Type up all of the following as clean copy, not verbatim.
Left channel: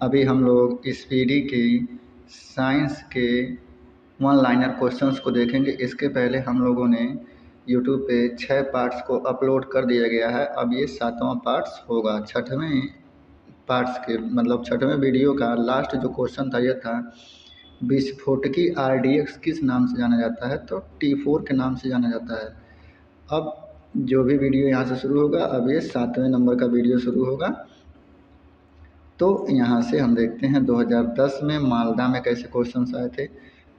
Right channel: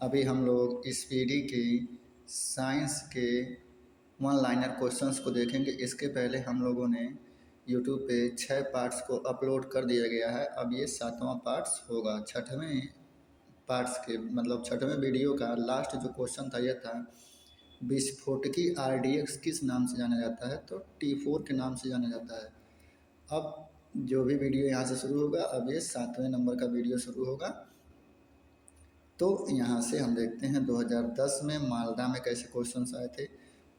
अभी हम लोग स्पीडी की साइंस के वन लाइनर क्वेश्चंस को देखेंगे। इसके पहले हम लोगों ने यूट्यूब पे 6 पार्ट्स को अपलोड कर दिया गया है। अब ये 7वां पार्ट्स होगा। छठवें पार्ट्स के मतलब छठवें वीडियो का लास्ट जो क्वेश्चन था ये था, विस्फोटकी RDX किस नाम से जाना जाता है? तो T4 के नाम से जाना जाता है। अब जो भी वीडियो यहाँ से शुरू होगा, अब ये 7वें नंबर का वीडियो शुरू होगा। तो यहाँ से हम देखते हैं 2010 में मालदा में कैसे क्वेश्चंस आए थे।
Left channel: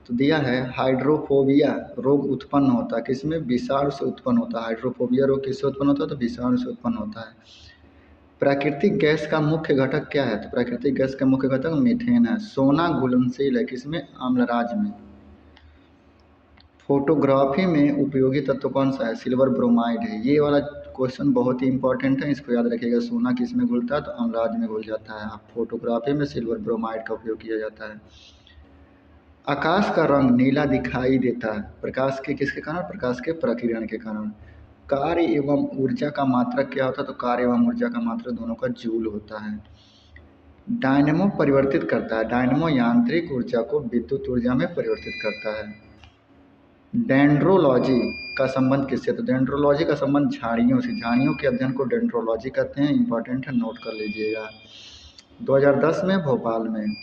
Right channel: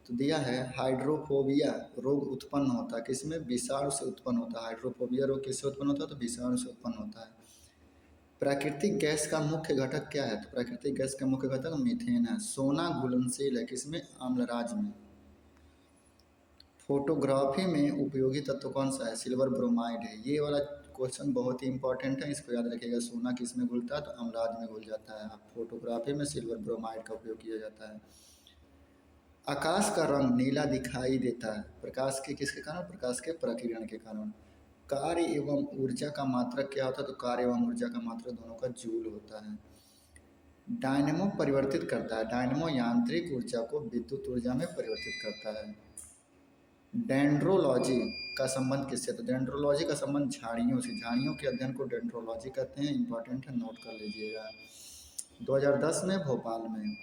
तो दिया है हाइड्रोफोबिया रोग उत्पन्न होता है किसमें? विषाणु से उत्पन्न होता है। हाइड्रोफोबिया रोग किससे उत्पन्न होता है? तो विषाणु से उत्पन्न होता है। प्राकृतिक गैस का मुख्य घटक क्या है? तो प्राकृतिक गैस का मुख्य घटक मीथेन है। सोना घुलनशील है किसमें? अम्लराज में। फोटोग्राफी में उपयोगी तत्व कौन सा है? सिल्वर ब्रोमाइड है। ये वाला क्वेश्चन बहुत ही इंपॉर्टेंट है, इसको याद रखिएगा। सोना किस में घुलता है? तो अम्लराज में घुल जाता है। फोटोग्राफी में सिल्वर ब्रोमाइड का उपयोग किया जाता है। आकाश का रंग नीला दिखाई देता है प्रकाश के किसके कारण? प्रकाश के प्रकीर्णन के कारण। कार्य एवं ऊर्जा का मात्रक क्या होता है? तो कार्य एवं ऊर्जा का मात्रक दोनों का जूल होता है। डायनेमो परिवर्तित करता है। डायनेमो यांत्रिक ऊर्जा को विद्युत ऊर्जा में परिवर्तित करता है। डेंड्रोलॉजी का संबंध किससे? तो डेंड्रोलॉजी का संबंध झाड़ियों से। झाड़ियों के अध्ययन को डेंड्रोलॉजी कहते हैं। इंपॉर्टेंट है, नोट कर लीजिएगा। 2010 में भोपाल में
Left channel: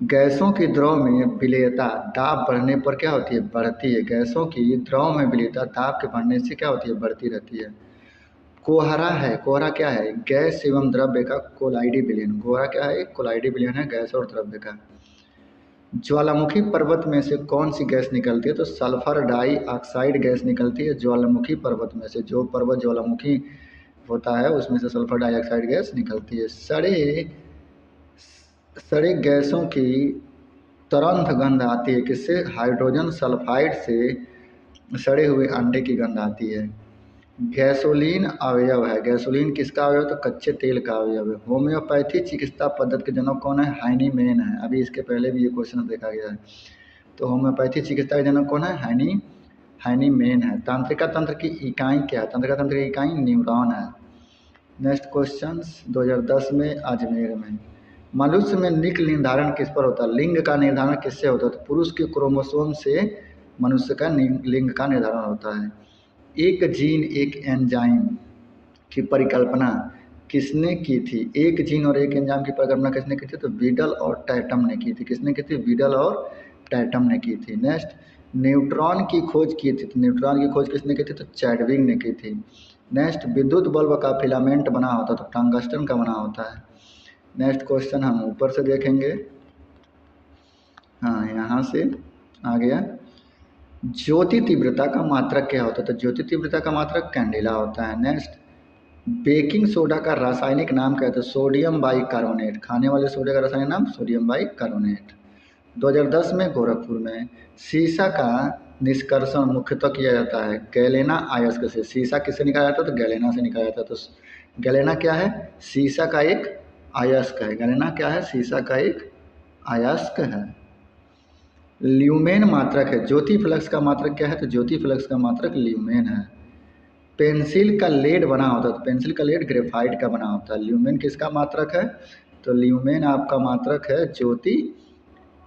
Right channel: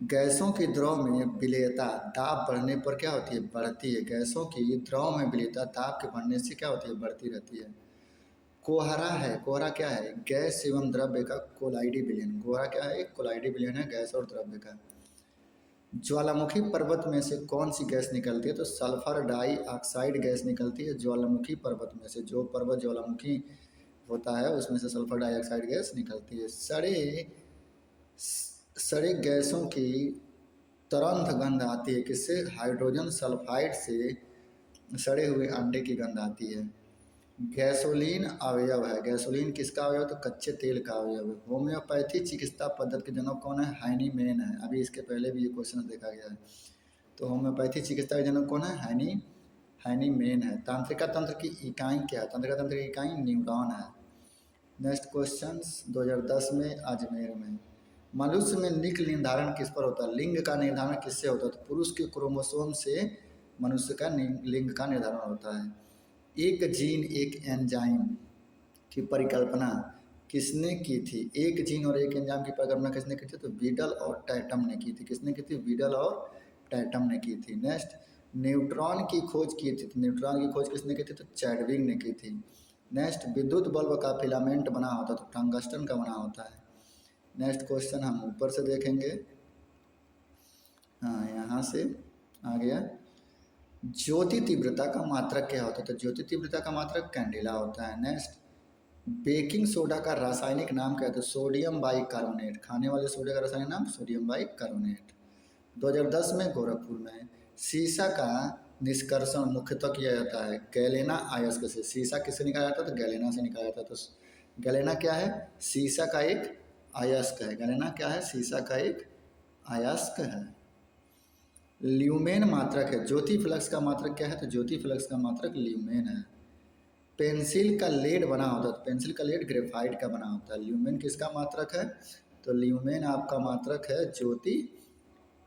गैसों की द्रव में विलेयता दाब बढ़ने पर क्या होती है? बढ़ती है। गैसों की द्रव में विलेयता दाब के बढ़ने से क्या होती है? बढ़ती रहती है। कोहरा है। कोहरा क्या है? गैस एवं द्रव्य का कोलाइडी विलयन। कोहरा क्या है? कोलाइडी विलयन है गैस और द्रव्य का। ज्वालामुखी पर्वत में से कौन सी गैस निकलती है? तो सल्फर डाइऑक्साइड गैस निकलती है ज्वालामुखी पर्वत में से। जो पर्वत ज्वालामुखी होता है उसमें से सल्फर डाइऑक्साइड गैस निकलती है। सड़े गैसों की तरंत गंध आती है किससे? हाइड्रोजन सल्फाइड से सड़े हुए अंडे की गंध आती है। गैसोलीन अवयव है। गैसोलीन किसका अवयव? तो कच्चे तेल का अवयव है। होम्योपैथी चिकित्सा पद्धति के जनक कौन है? हाइनीमैन है। अभी इसके पहले भी ये क्वेश्चन देखा गया है। तो होम्योपैथी चिकित्सा के जनक कौन है? हाइनीमैन है। तंत्रिका तंत्र की इकाई क्या है? तंत्रिका तंत्र की इकाई न्यूरॉन है। नेक्स्ट क्वेश्चन 2010 में अजमेर में मनुष्य में लिंग निर्धारण किस पर होता है? लिंग का निर्धारण किससे होता है? तो पुरुष के क्रोमोसोम से मनुष्य का लिंग का निर्धारण होता है। एक जीन एक एंजाइम की परिकल्पना किसने की थी? एक जीन और एक एंजाइम की परिकल्पना किसने की थी? तो बीडल और टैटम ने की थी। किसने की थी? बीडल और टैटम ने की थी। नेक्स्ट न्यूट्रॉन की खोज की थी। तो न्यूट्रॉन की खोज किसने की थी? तो चैडविक ने की थी। नेक्स्ट विद्युत बल्ब का फिलामेंट बना होता है तो टंगस्टन का बना होता है। नेक्स्ट क्वेश्चन हम ऊपर से देखेंगे। हाँ, यहाँ से आ गया। ज्योति तीव्रता का मात्रक क्या होता है? तो ज्योति तीव्रता का मात्रक कैंडेला होता है। नेक्स्ट बेकिंग सोडा का रासायनिक नाम क्या है? तो सोडियम बाइकार्बोनेट। खाने वाले सोडे का रासायनिक नाम सोडियम बाइकार्बोनेट। 2010 में गोरखपुर में सीसा का निष्कर्षण मुख्यतः किया जाता है गैलेना अयस्क से। सीसा किससे निकाला जाता है? तो गैलेना से निकाला जाता है। तो गैलेना क्या है? सीसा का एक अयस्क है। गैलेना क्या है? सीसा का एक अयस्क है। ल्यूमेन मात्रक है। ज्योति फ्लक्स का मात्रक क्या है? तो ज्योति फ्लक्स का मात्रक ल्यूमेन है। पेंसिल का लेड बना होता है तो पेंसिल का लेड ग्रेफाइट का बना होता है। ल्यूमेन किसका मात्रक है? तो ल्यूमेन आपका मात्रक है ज्योति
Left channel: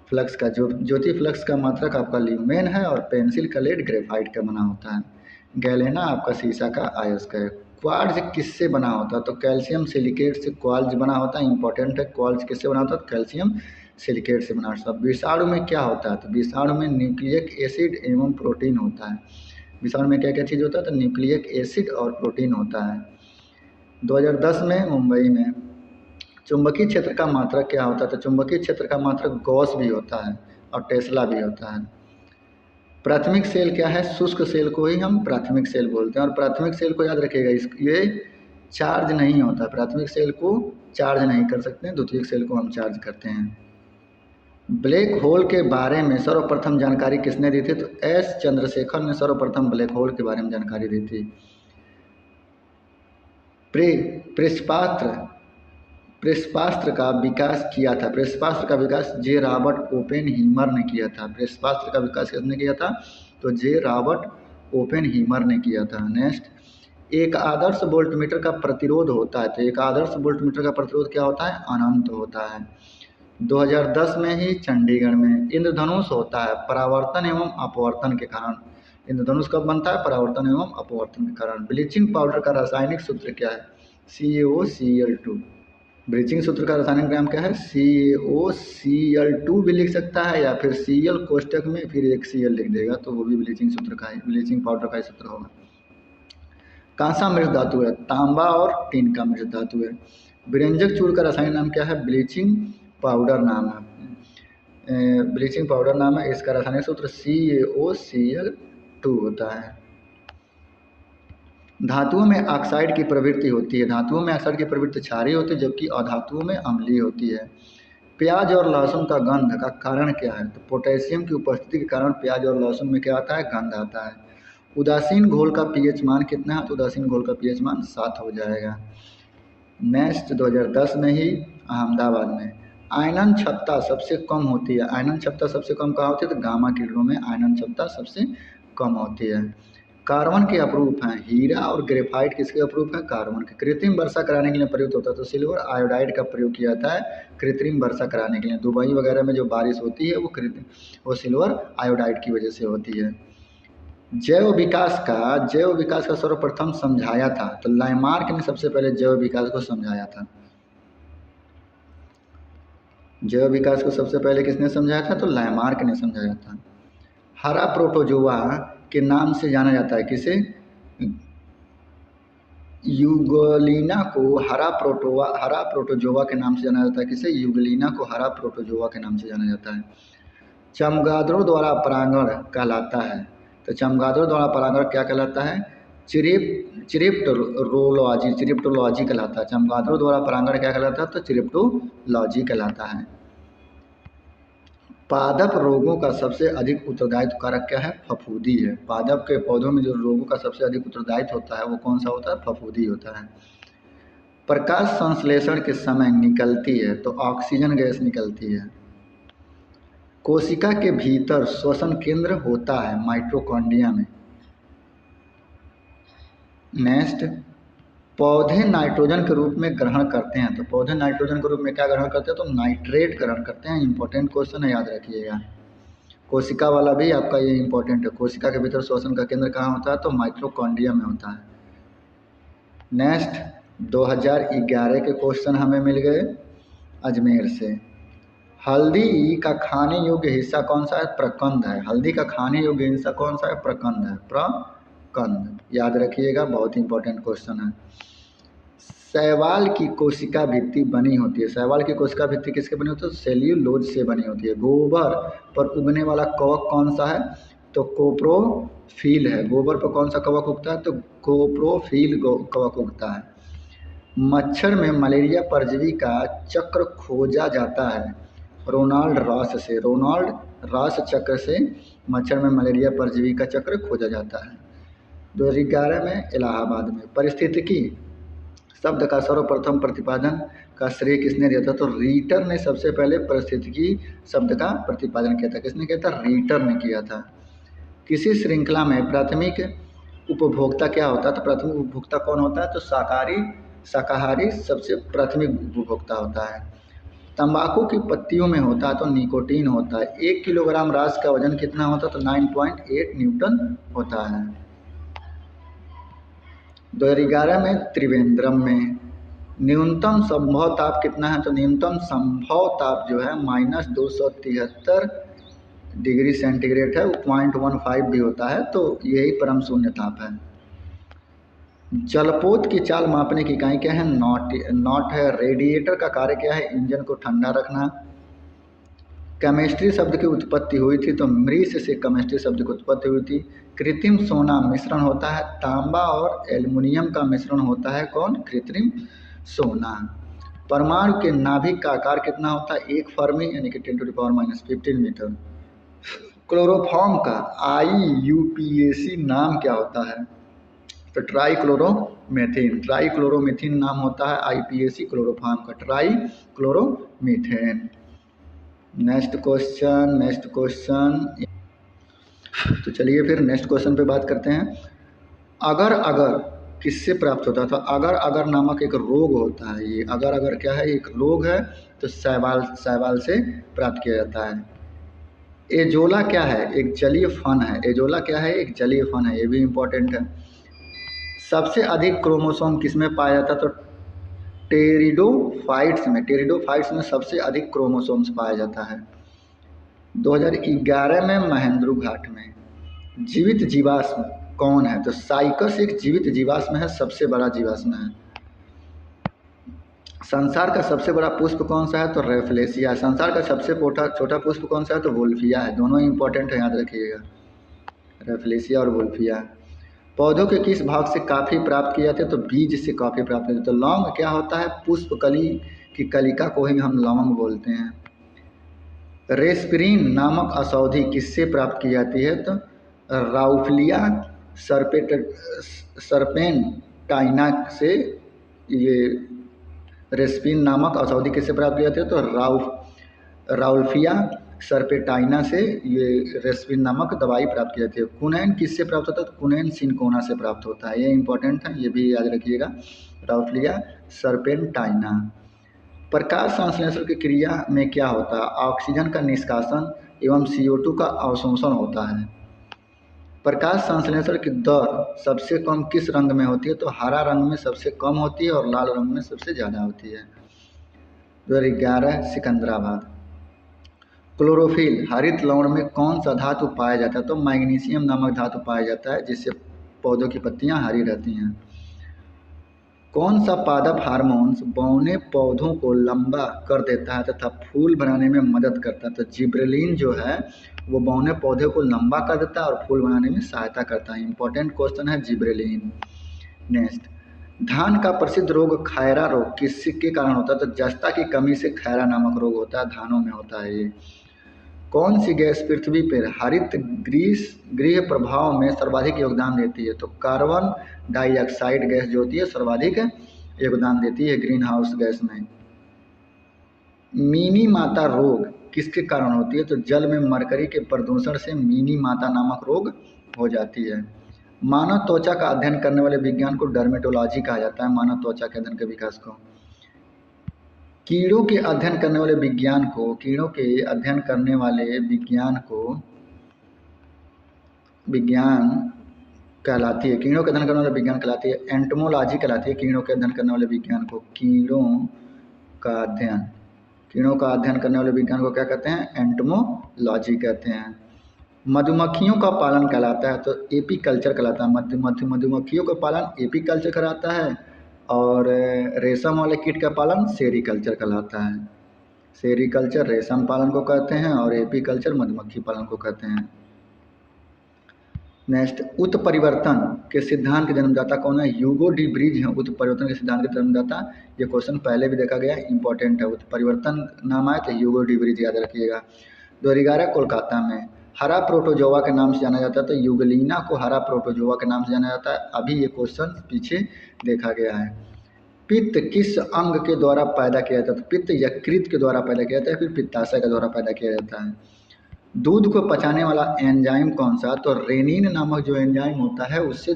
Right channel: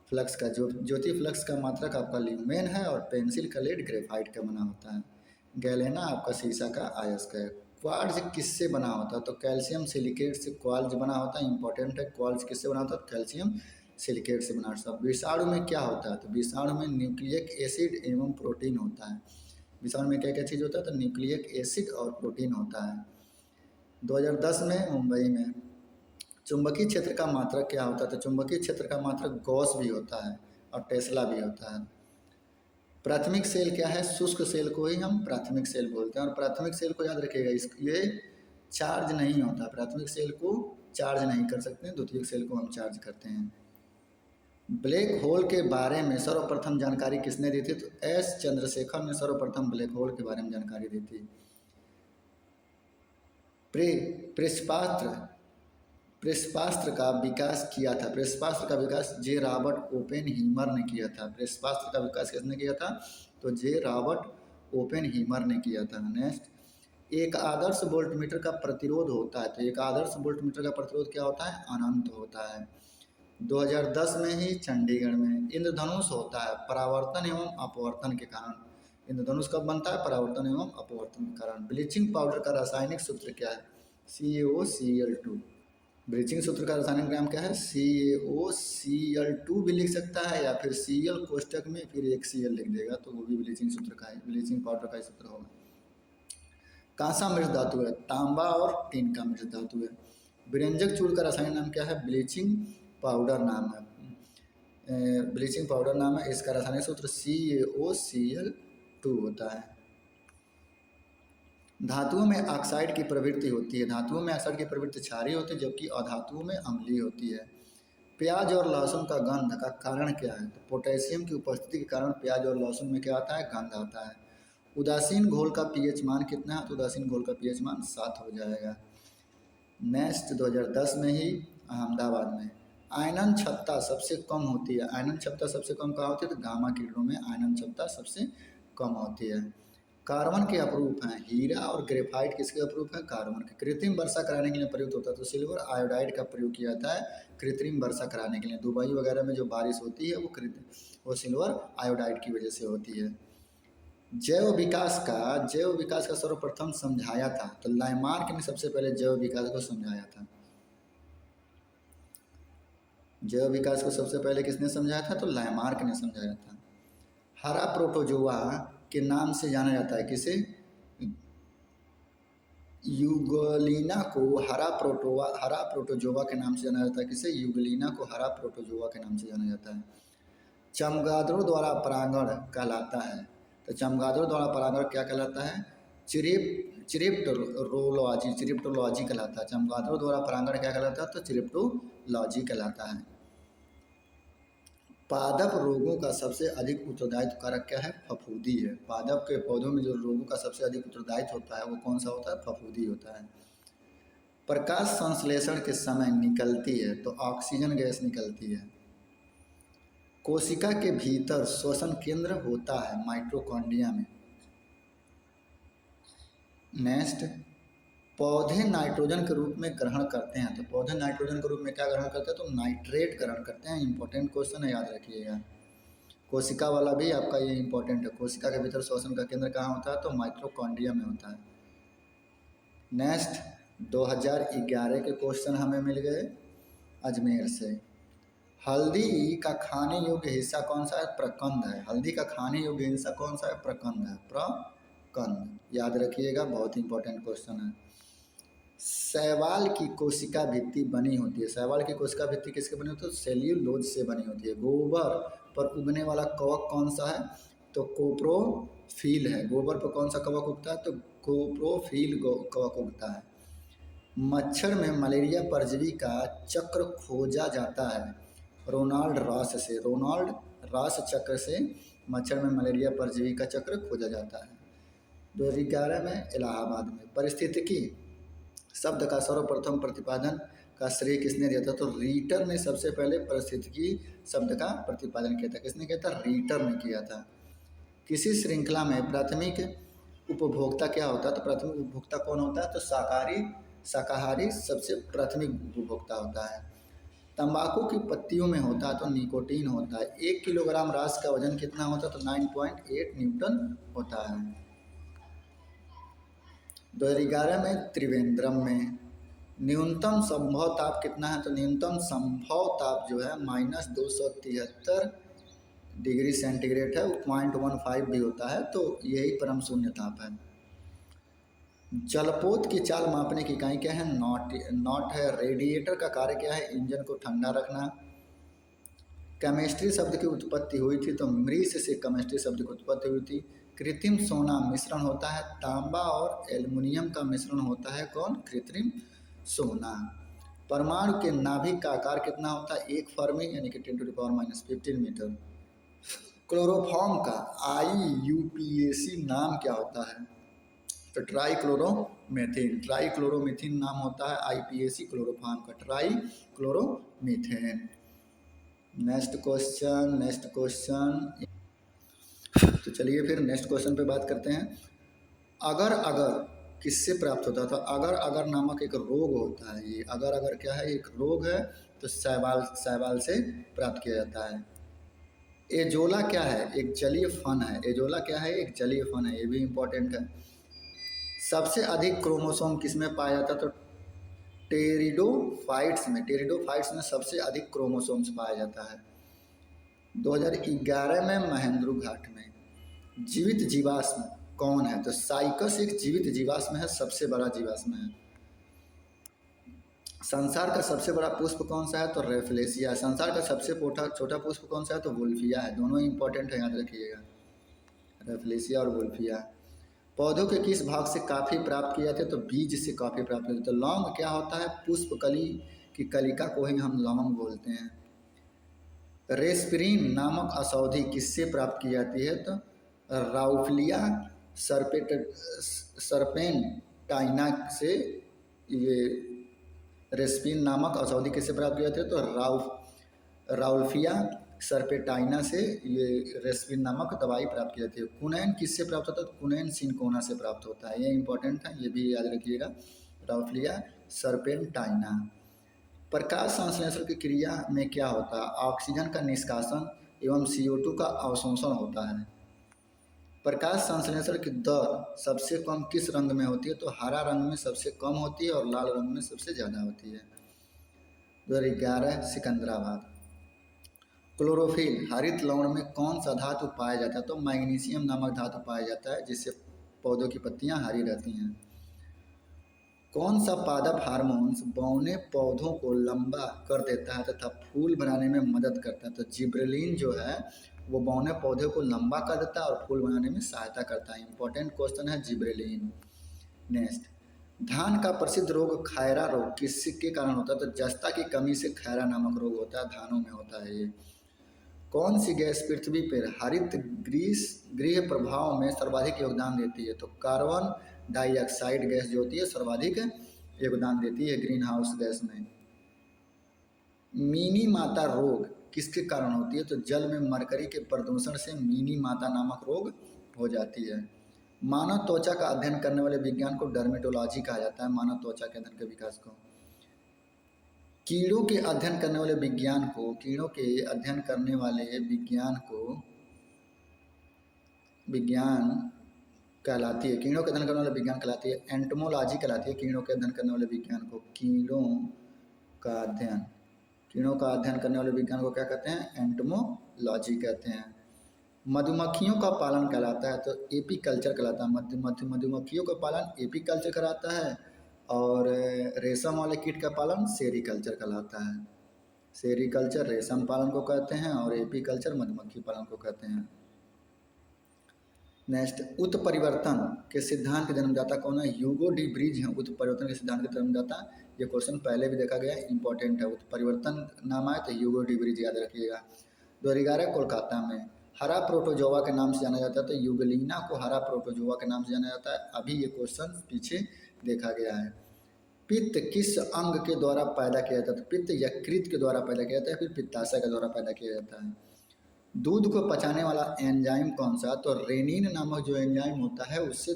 फ्लक्स का। ज्योति फ्लक्स का मात्रक आपका ल्यूमेन है और पेंसिल का लेड ग्रेफाइट का बना होता है। गैलेना आपका सीसा का अयस्क है। क्वार्ट्ज किससे बना होता है? तो कैल्शियम सिलिकेट से क्वार्ट्ज बना होता है। इंपॉर्टेंट है। क्वार्ट्ज किससे बना होता है? कैल्शियम सिलिकेट से बना होता है। विषाणु में क्या होता है? तो विषाणु में न्यूक्लिक एसिड एवं प्रोटीन होता है। विषाणु में क्या क्या चीज़ होता है? तो न्यूक्लिक एसिड और प्रोटीन होता है। 2010 में मुंबई में चुंबकीय क्षेत्र का मात्रक क्या होता है? तो चुंबकीय क्षेत्र का मात्रक गॉस भी होता है और टेस्ला भी होता है। प्राथमिक सेल क्या है? शुष्क सेल को ही हम प्राथमिक सेल बोलते हैं। और प्राथमिक सेल को याद रखिएगा, ये चार्ज नहीं होता। प्राथमिक सेल को चार्ज नहीं कर सकते हैं, द्वितीयक सेल को हम चार्ज करते हैं। ब्लैक होल के बारे में सर्वप्रथम जानकारी किसने दी थी? तो एस चंद्रशेखर ने सर्वप्रथम ब्लैक होल के बारे में जानकारी दी थी। प्रेसपास्त्र का विकास किया था। प्रेसपास्त्र का विकास जे रॉबर्ट ओपेनहीमर ने किया था। प्रेसपास्त्र का विकास किसने किया था? तो जे रॉबर्ट ओपेनहीमर ने किया था। नेक्स्ट एक आदर्श वोल्टमीटर का प्रतिरोध होता है, तो एक आदर्श वोल्टमीटर का प्रतिरोध क्या होता है? अनंत होता है। 2010 में ही चंडीगढ़ में इंद्रधनुष होता है परावर्तन एवं अपवर्तन के कारण। इंद्रधनुष कब बनता है? परावर्तन एवं अपवर्तन के कारण। ब्लीचिंग पाउडर का रासायनिक सूत्र क्या है? CaOCl2। ब्लीचिंग सूत्र का रासायनिक नाम क्या है? CaOCl2 भी लिख सकता है, या फिर Cl कोष्टक में फिर एक Cl लिख देगा तो वो भी ब्लीचिंग सूत्र का है, ब्लीचिंग पाउडर का ही सूत्र होगा। कौन सा मिश्र धातु है? तांबा और टिन का मिश्र धातु है। व्यंजक चूर्ण का रासायनिक नाम क्या है? ब्लीचिंग पाउडर नाम है, ब्लीचिंग पाउडर नाम है। इसका रासायनिक सूत्र CaOCl2 होता है। धातुओं में ऑक्साइड की प्रवृत्ति होती है। धातुओं में ऑक्साइड की प्रवृत्ति क्षारीय होती है, जबकि अधातुओं में अम्लीय होती है। प्याज और लहसुन का गंध का कारण क्या है? तो पोटेशियम की उपस्थिति के कारण प्याज और लहसुन में क्या आता है? गंध आता है। उदासीन घोल का पीएच मान कितना है? तो उदासीन घोल का पीएच मान 7 हो जाएगा। नेक्स्ट 2010 में ही अहमदाबाद में आयनन क्षमता सबसे कम होती है। आयनन क्षमता सबसे कम कहाँ होती है? तो गामा किरणों में आयनन क्षमता सबसे कम होती है। कार्बन के अपरूप हैं हीरा और ग्रेफाइट। किसके अपरूप हैं? कार्बन के। कृत्रिम वर्षा कराने के लिए प्रयुक्त होता है, तो सिल्वर आयोडाइड का प्रयोग किया जाता है कृत्रिम वर्षा कराने के लिए। दुबई वगैरह में जो बारिश होती है वो सिल्वर आयोडाइड की वजह से होती है। जैव विकास का सर्वप्रथम समझाया था, तो लामार्क ने सबसे पहले जैव विकास को समझाया था। जैव विकास को सबसे पहले किसने समझाया था? तो लामार्क ने समझाया था। हरा प्रोटोजोआ के नाम से जाना जाता है किसे? यूगलिना को हरा प्रोटोजोआ के नाम से जाना जाता है। किसे? यूगलिना को हरा प्रोटोजोआ के नाम से जाना जाता है। चमगादड़ों द्वारा परागण कहलाता है, तो चमगादड़ों द्वारा परागण क्या कहलाता है? चिरिप्टोलॉजी कहलाता है। चमगादड़ों द्वारा परागण क्या कहलाता है? तो चिरिप्टोलॉजी कहलाता है। पादप रोगों का सबसे अधिक उत्तरदायित्व कारक क्या है? फफूंदी है। पादप के पौधों में जो रोगों का सबसे अधिक उत्तरदायित्व होता है वो कौन सा होता है? फफूंदी होता है। प्रकाश संश्लेषण के समय निकलती है, तो ऑक्सीजन गैस निकलती है। कोशिका के भीतर श्वसन केंद्र होता है माइटोकॉन्ड्रिया में। नेक्स्ट, पौधे नाइट्रोजन के रूप में ग्रहण करते हैं, तो पौधे नाइट्रोजन के रूप में क्या ग्रहण करते हैं? तो नाइट्रेट ग्रहण करते हैं। इंपॉर्टेंट क्वेश्चन है, याद रखिएगा। कोशिका वाला भी आपका ये इंपॉर्टेंट है। कोशिका के भीतर श्वसन का केंद्र कहाँ होता है? तो माइटोकॉन्ड्रिया में होता है। नेक्स्ट 2011 के क्वेश्चन हमें मिल गए अजमेर से। हल्दी का खाने योग्य हिस्सा कौन सा है? प्रकंद है। हल्दी का खाने योग्य हिस्सा कौन सा है? प्रकंद है। प्रकंद याद रखिएगा, बहुत इंपॉर्टेंट क्वेश्चन है। शैवाल की कोशिका भित्ति बनी होती है। शैवाल की कोशिका भित्ति किसके बनी होती है? सेल्यूलोज से बनी होती है। गोबर पर उगने वाला कवक कौन सा है? तो कोप्रोफिल है। गोबर पर कौन सा कवक उगता है? तो कोप्रोफिल कवक उगता है। मच्छर में मलेरिया परजीवी का चक्र खोजा जाता है रोनाल्ड रॉस से। रोनाल्ड रॉस चक्र से मच्छर में मलेरिया परजीवी का चक्र खोजा जाता है। 2011 में इलाहाबाद में पारिस्थितिकी शब्द का सर्वप्रथम प्रतिपादन का श्रेय किसने दिया था? तो रीटर ने सबसे पहले पारिस्थितिकी शब्द का प्रतिपादन किया था। किसने किया था? रीटर ने किया था। किसी श्रृंखला में प्राथमिक उपभोक्ता क्या होता है? तो प्राथमिक उपभोक्ता कौन होता है? तो शाकाहारी सबसे प्राथमिक उपभोक्ता होता है। तंबाकू की पत्तियों में होता है तो निकोटीन होता है। 1 किलोग्राम रास का वजन कितना होता है? तो 9.8 न्यूटन होता है। 2011 में त्रिवेंद्रम में न्यूनतम संभव ताप कितना है? तो न्यूनतम संभव ताप जो है -273 डिग्री सेंटीग्रेड है। वो 0.15 भी होता है, तो यही परम शून्य ताप है। जलपोत की चाल मापने की इकाई क्या है? नॉट है। रेडिएटर का कार्य क्या है? इंजन को ठंडा रखना। केमिस्ट्री शब्द की उत्पत्ति हुई थी, तो मृष से केमिस्ट्री शब्द की उत्पत्ति हुई थी। कृत्रिम सोना मिश्रण होता है तांबा और एल्युमिनियम का मिश्रण होता है कौन? कृत्रिम सोना। परमाणु के नाभिक का आकार कितना होता है? 1 फर्मी यानी कि 10⁻⁻15 मीटर। क्लोरोफॉर्म का IUPAC नाम क्या होता है? तो ट्राइक्लोरोमीथेन नाम होता है IPAC क्लोरोफॉर्म का, ट्राइक्लोरोमीथेन। Next question. तो चलिए फिर नेक्स्ट क्वेश्चन पे बात करते हैं। अगर किससे प्राप्त होता है? तो अगर अगर नामक एक रोग होता है, ये अगर अगर क्या है, एक रोग है, तो शैवाल शैवाल से प्राप्त किया जाता है। एजोला क्या है? एक जलीय फन है। एजोला क्या है? एक जलीय फन है, ये भी इम्पोर्टेंट है। सबसे अधिक क्रोमोसोम किसमें पाया जाता है? तो टेरिडोफाइट्स में सबसे अधिक क्रोमोसोम्स पाया जाता है। 2011 में महेंद्रू घाट में जीवित जीवाश्म कौन है? तो साइकस एक जीवित जीवाश्म है, सबसे बड़ा जीवाश्म है। संसार का सबसे बड़ा पुष्प कौन सा है? तो रेफलेसिया। संसार का सबसे छोटा पुष्प कौन सा है? तो वोल्फिया है। दोनों इंपॉर्टेंट है, याद रखिएगा, रेफलेसिया और वोल्फिया। पौधों के किस भाग से कॉफी प्राप्त की जाती है? तो बीज से कॉफी प्राप्त की जाती है। तो लौंग क्या होता है? पुष्पकली की कलिका को ही हम लौंग बोलते हैं। रेस्पिरिन नामक औषधि किससे प्राप्त की जाती है? तो राउफलिया सर्पेंटाइना से ये रेस्पिन नामक औषधि किससे प्राप्त की जाती है? तो राउल्फिया सर्पेटाइना से ये रेस्पिन नामक दवाई प्राप्त की जाती है। कुनैन किससे प्राप्त होता है? तो कुनैन सिनकोना से प्राप्त होता है, ये इंपॉर्टेंट है, ये भी याद रखिएगा, राउल्फिया सर्पेंटाइना। प्रकाश संश्लेषण की क्रिया में क्या होता है? ऑक्सीजन का निष्कासन एवं CO2 का अवशोषण होता है। प्रकाश संश्लेषण की दर सबसे कम किस रंग में होती है? तो हरा रंग में सबसे कम होती है और लाल रंग में सबसे ज़्यादा होती है। 2011 सिकंदराबाद। क्लोरोफिल हरित लवण में कौन सा धातु पाया जाता है? तो मैग्नीशियम नामक धातु पाया जाता है, जिससे पौधों की पत्तियां हरी रहती हैं। कौन सा पादप हार्मोन्स बौने पौधों को लंबा कर देता है तथा फूल बनाने में मदद करता है? तो जिब्रेलिन जो है वो बौने पौधे को लंबा कर देता है और फूल बनाने में सहायता करता है। इंपॉर्टेंट क्वेश्चन है जिब्रेलिन। नेक्स्ट, धान का प्रसिद्ध रोग खैरा रोग किसके कारण होता है? तो जस्ता की कमी से खैरा नामक रोग होता है, धानों में होता है ये। कौन सी गैस पृथ्वी पर हरित गृह प्रभाव में सर्वाधिक योगदान देती है? तो कार्बन डाइऑक्साइड गैस जो होती है सर्वाधिक योगदान देती है ग्रीन हाउस गैस में। मीनी माता रोग किसके कारण होती है? तो जल में मरकरी के प्रदूषण से मीनी माता नामक रोग हो जाती है। मानव त्वचा का अध्ययन करने वाले विज्ञान को डर्मेटोलॉजी कहा जाता है, मानव त्वचा के अध्ययन के विकास को। कीड़ों के अध्ययन करने वाले विज्ञान को विज्ञान कहलाती है, कीड़ों के अध्ययन करने वाले विज्ञान कहलाती है, एंटोमोलॉजी कहलाती है। कीड़ों के अध्ययन करने वाले विज्ञान को कीड़ों का अध्ययन करने वाले विज्ञान को क्या कहते हैं? एंटोमोलॉजी कहते हैं। मधुमक्खियों का पालन कहलाता है, तो एपीकल्चर कहलाता है। मधुमक्खियों का पालन एपीकल्चर कहलाता है और रेशम वाले कीट का पालन सेरीकल्चर कहलाता है। सेरीकल्चर रेशम पालन को कहते हैं और एपीकल्चर मधुमक्खी पालन को कहते हैं। नेक्स्ट, उत्परिवर्तन के सिद्धांत के जन्मदाता कौन है? ह्यूगो डी ब्रिज है उत्परिवर्तन के सिद्धांत के जन्मदाता। ये क्वेश्चन पहले भी देखा गया, इंपॉर्टेंट है। उत्परिवर्तन नाम आए तो ह्यूगो डी ब्रिज याद रखिएगा। 2011 कोलकाता में हरा प्रोटोजोआ के नाम से जाना जाता है, तो यूगलीना को हरा प्रोटोजोआ के नाम से जाना जाता है। अभी ये क्वेश्चन पीछे देखा गया है। पित्त किस अंग के द्वारा पैदा किया जाता है? तो पित्त यकृत के द्वारा पैदा किया जाता है, फिर पित्ताशय के द्वारा पैदा किया जाता है। दूध को पचाने वाला एंजाइम कौन सा? तो रेनिन नामक जो एंजाइम होता है उससे